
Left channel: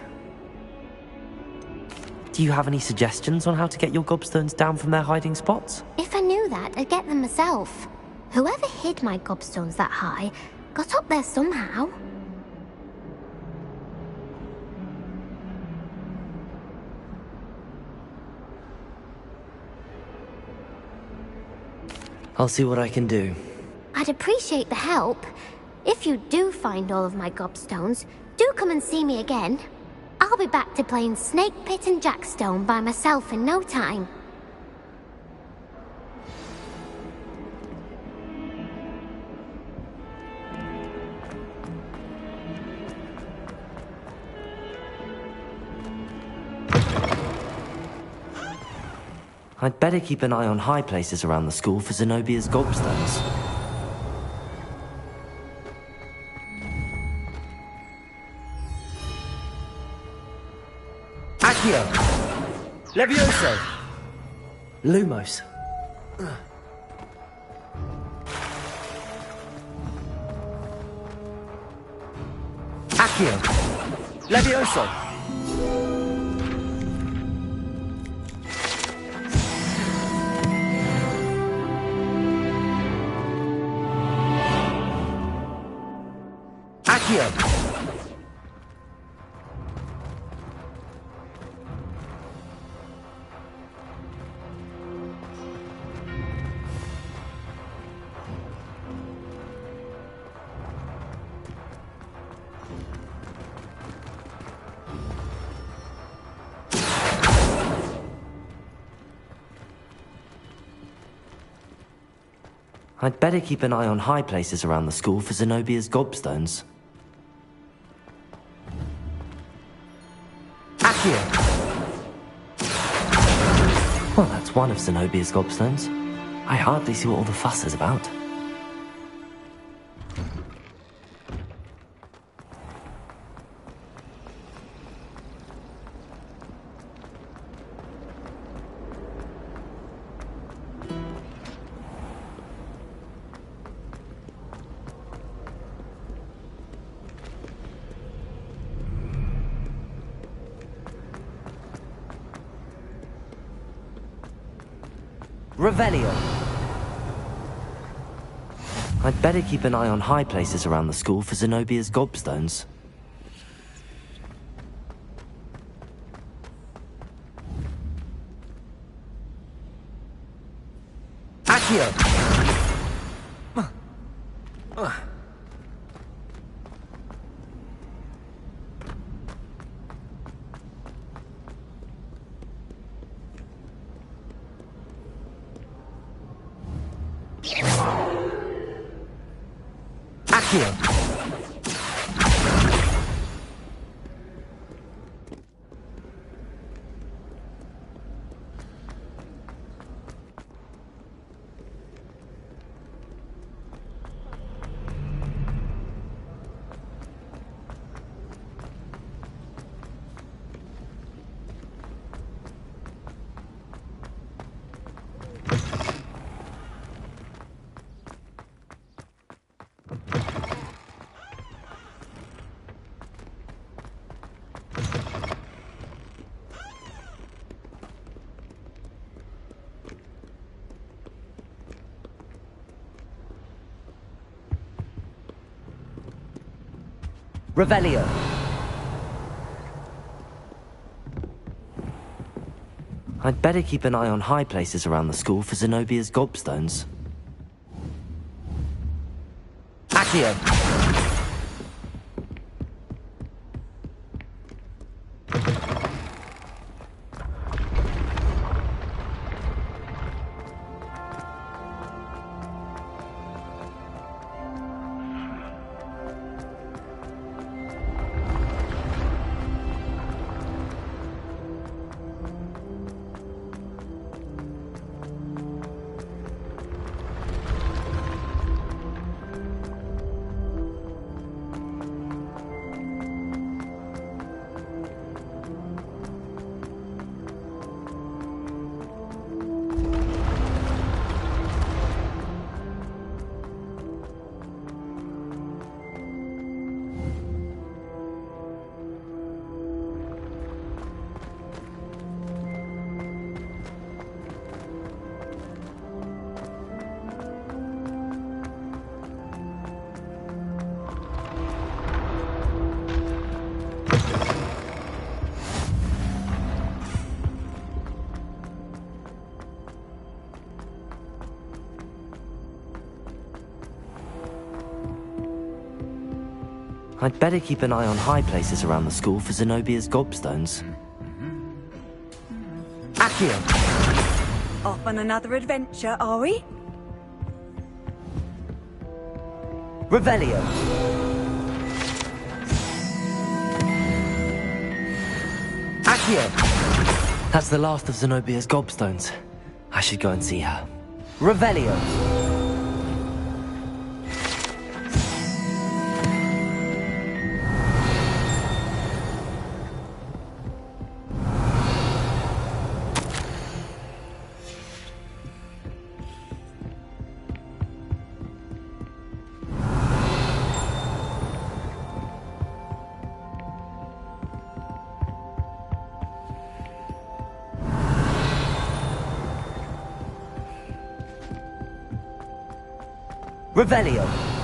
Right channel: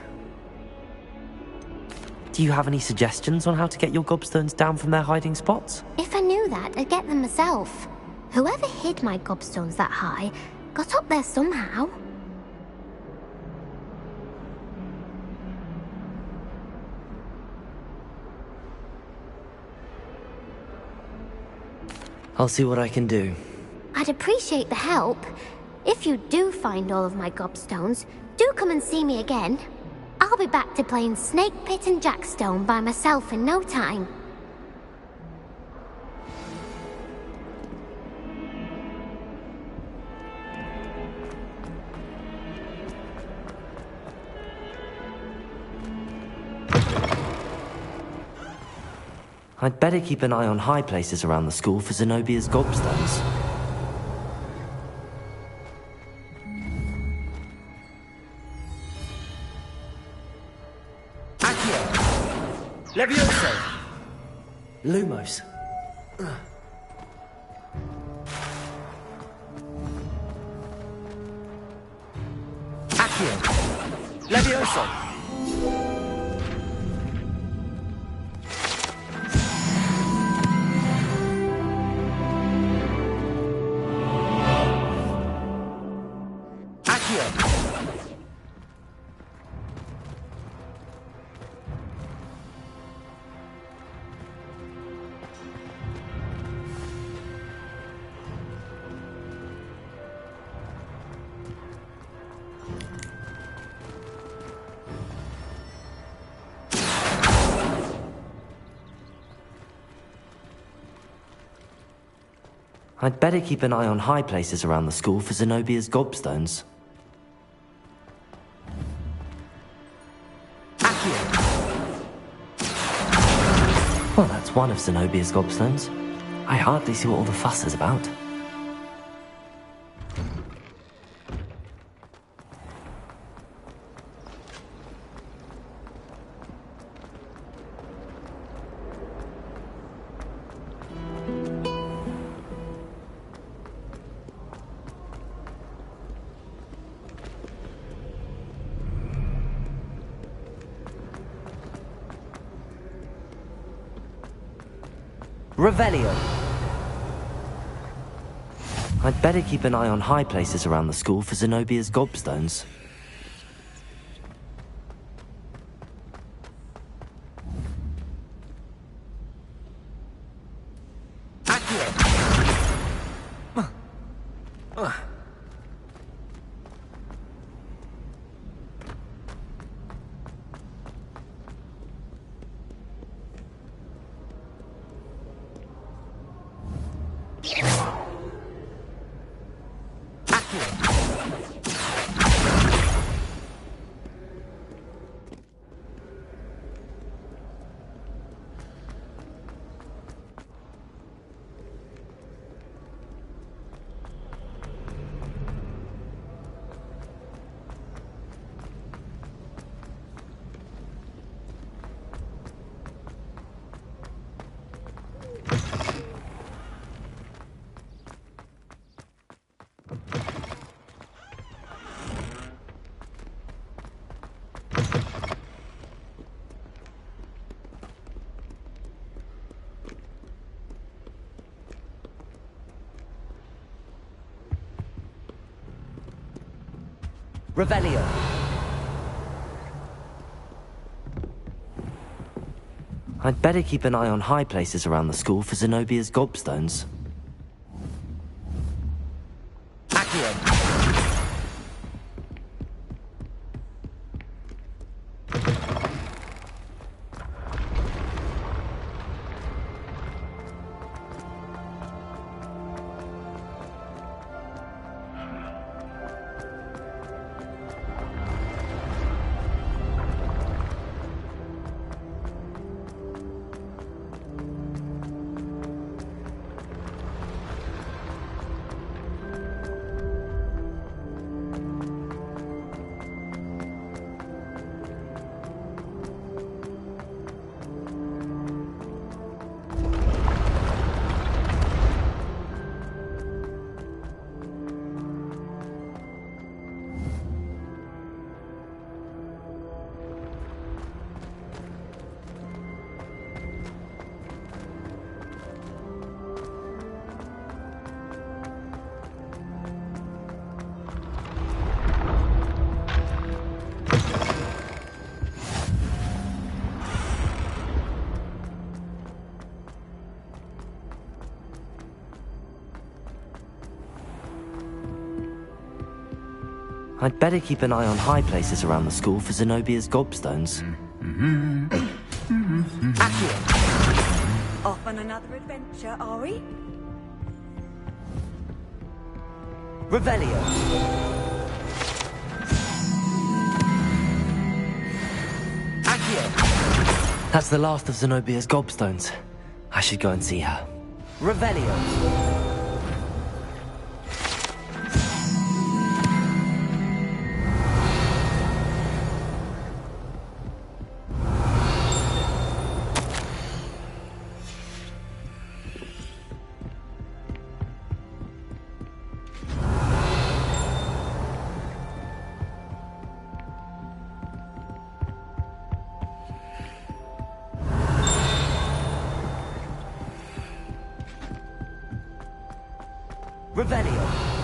Do you have any suggestions on how to get your gobstones down from their hiding spots? If I knew that, I'd get them myself. Whoever hid my gobstones that high got up there somehow. I'll see what I can do. I'd appreciate the help. If you do find all of my gobstones, do come and see me again. I'll be back to playing Snake Pit and Jackstone by myself in no time. I'd better keep an eye on high places around the school for Zenobia's gobstones. Accio! Levioso! Lumos. Accio! Levioso! Accio! I'd better keep an eye on high places around the school for Zenobia's gobstones. Well, that's one of Zenobia's gobstones. I hardly see what all the fuss is about. Revelio. I'd better keep an eye on high places around the school for Zenobia's gobstones. Accio. Revelio. I'd better keep an eye on high places around the school for Zenobia's gobstones. Accio. I'd better keep an eye on high places around the school for Zenobia's gobstones. Accio. Off on another adventure, are we? Revelio. Accio. That's the last of Zenobia's gobstones. I should go and see her. Revelio! Revelio!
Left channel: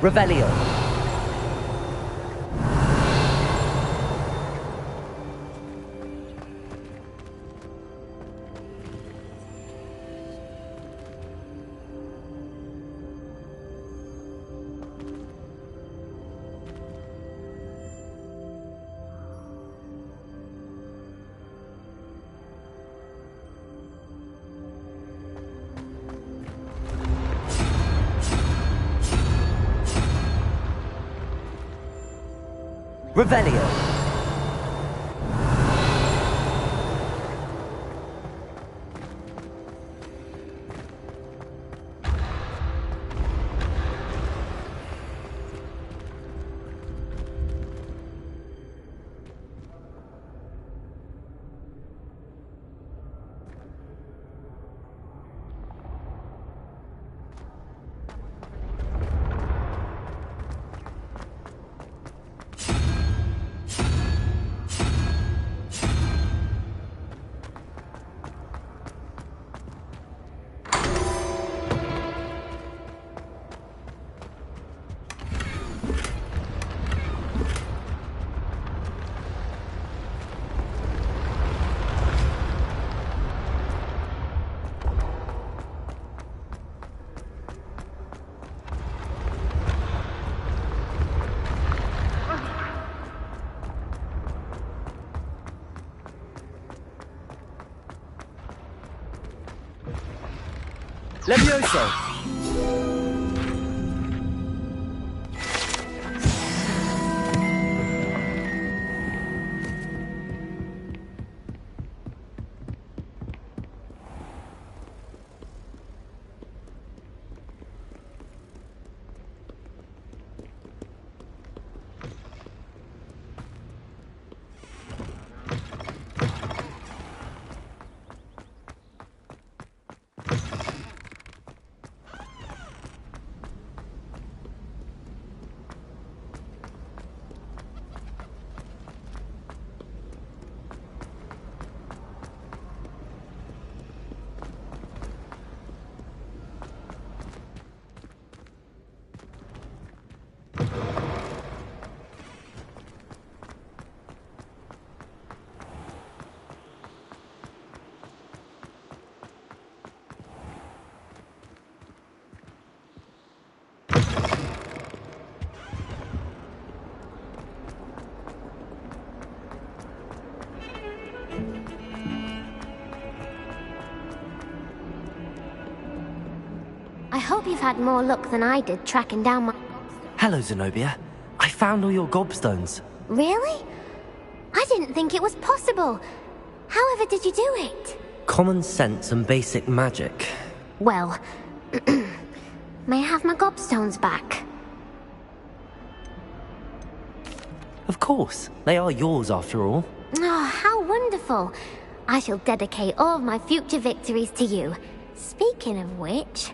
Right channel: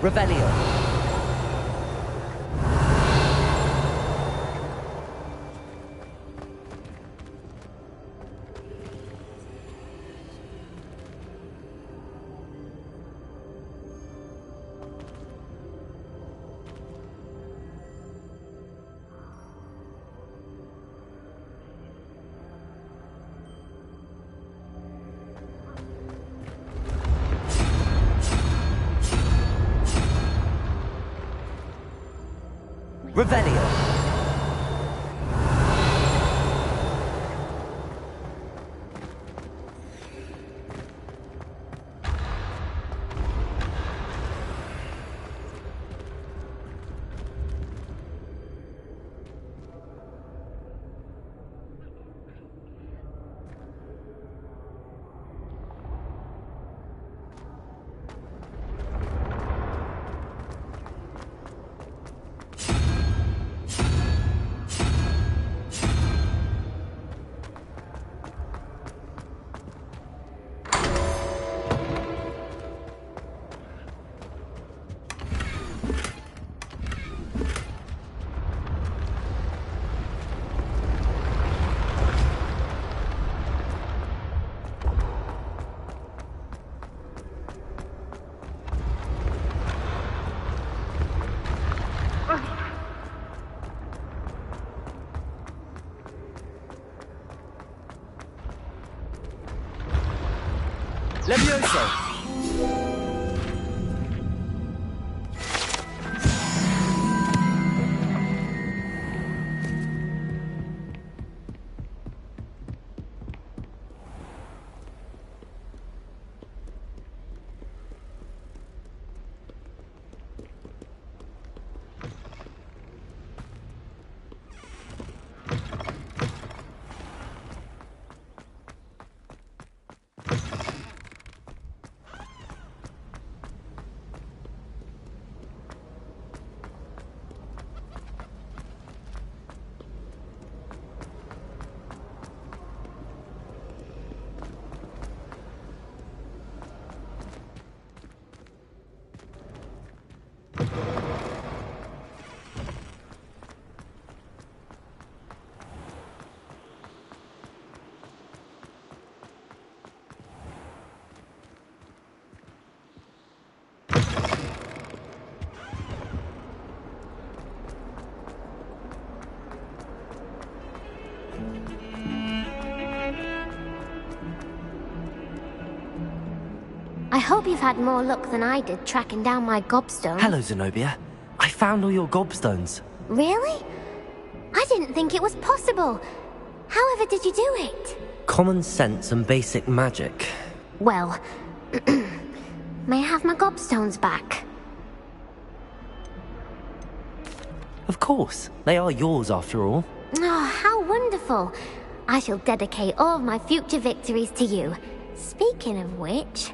Revelio. Revelio. Levioso! I hope you've had more luck than I did tracking down my gobstone. Hello, Zenobia. I found all your gobstones. Really? I didn't think it was possible. However did you do it? Common sense and basic magic. Well, may I have my gobstones back? Of course. They are yours after all. Oh, how wonderful. I shall dedicate all of my future victories to you. Speaking of which,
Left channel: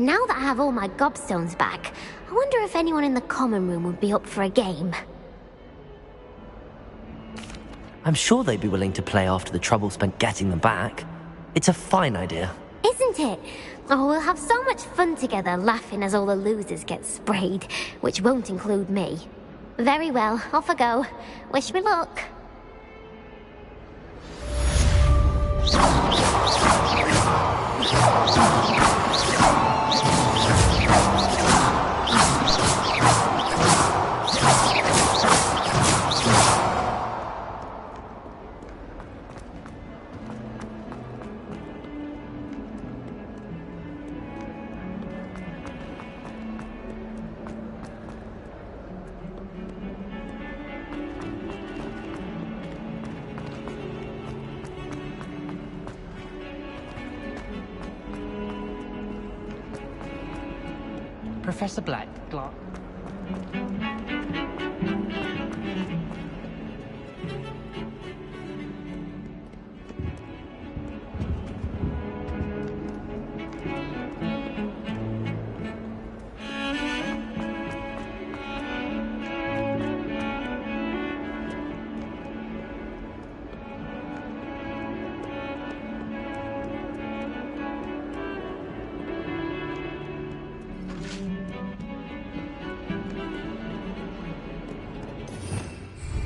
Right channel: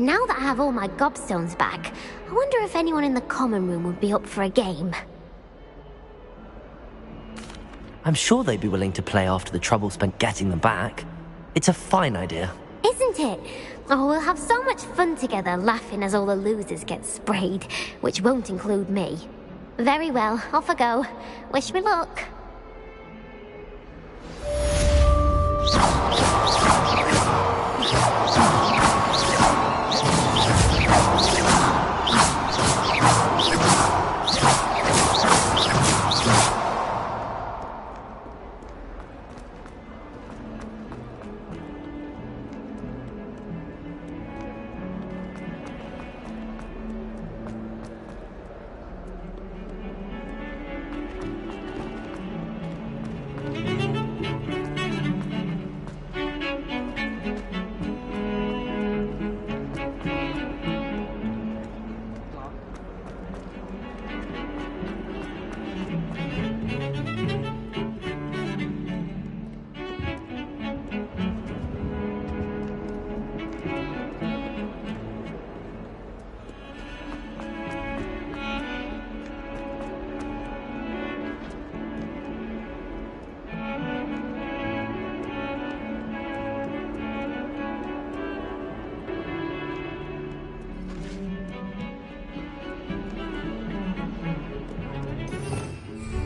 now that I have all my gobstones back, I wonder if anyone in the common room would be up for a game. I'm sure they'd be willing to play after the trouble spent getting them back. It's a fine idea. Isn't it? Oh, we'll have so much fun together laughing as all the losers get sprayed, which won't include me. Very well, off I go. Wish me luck.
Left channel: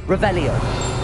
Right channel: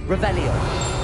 Revelio.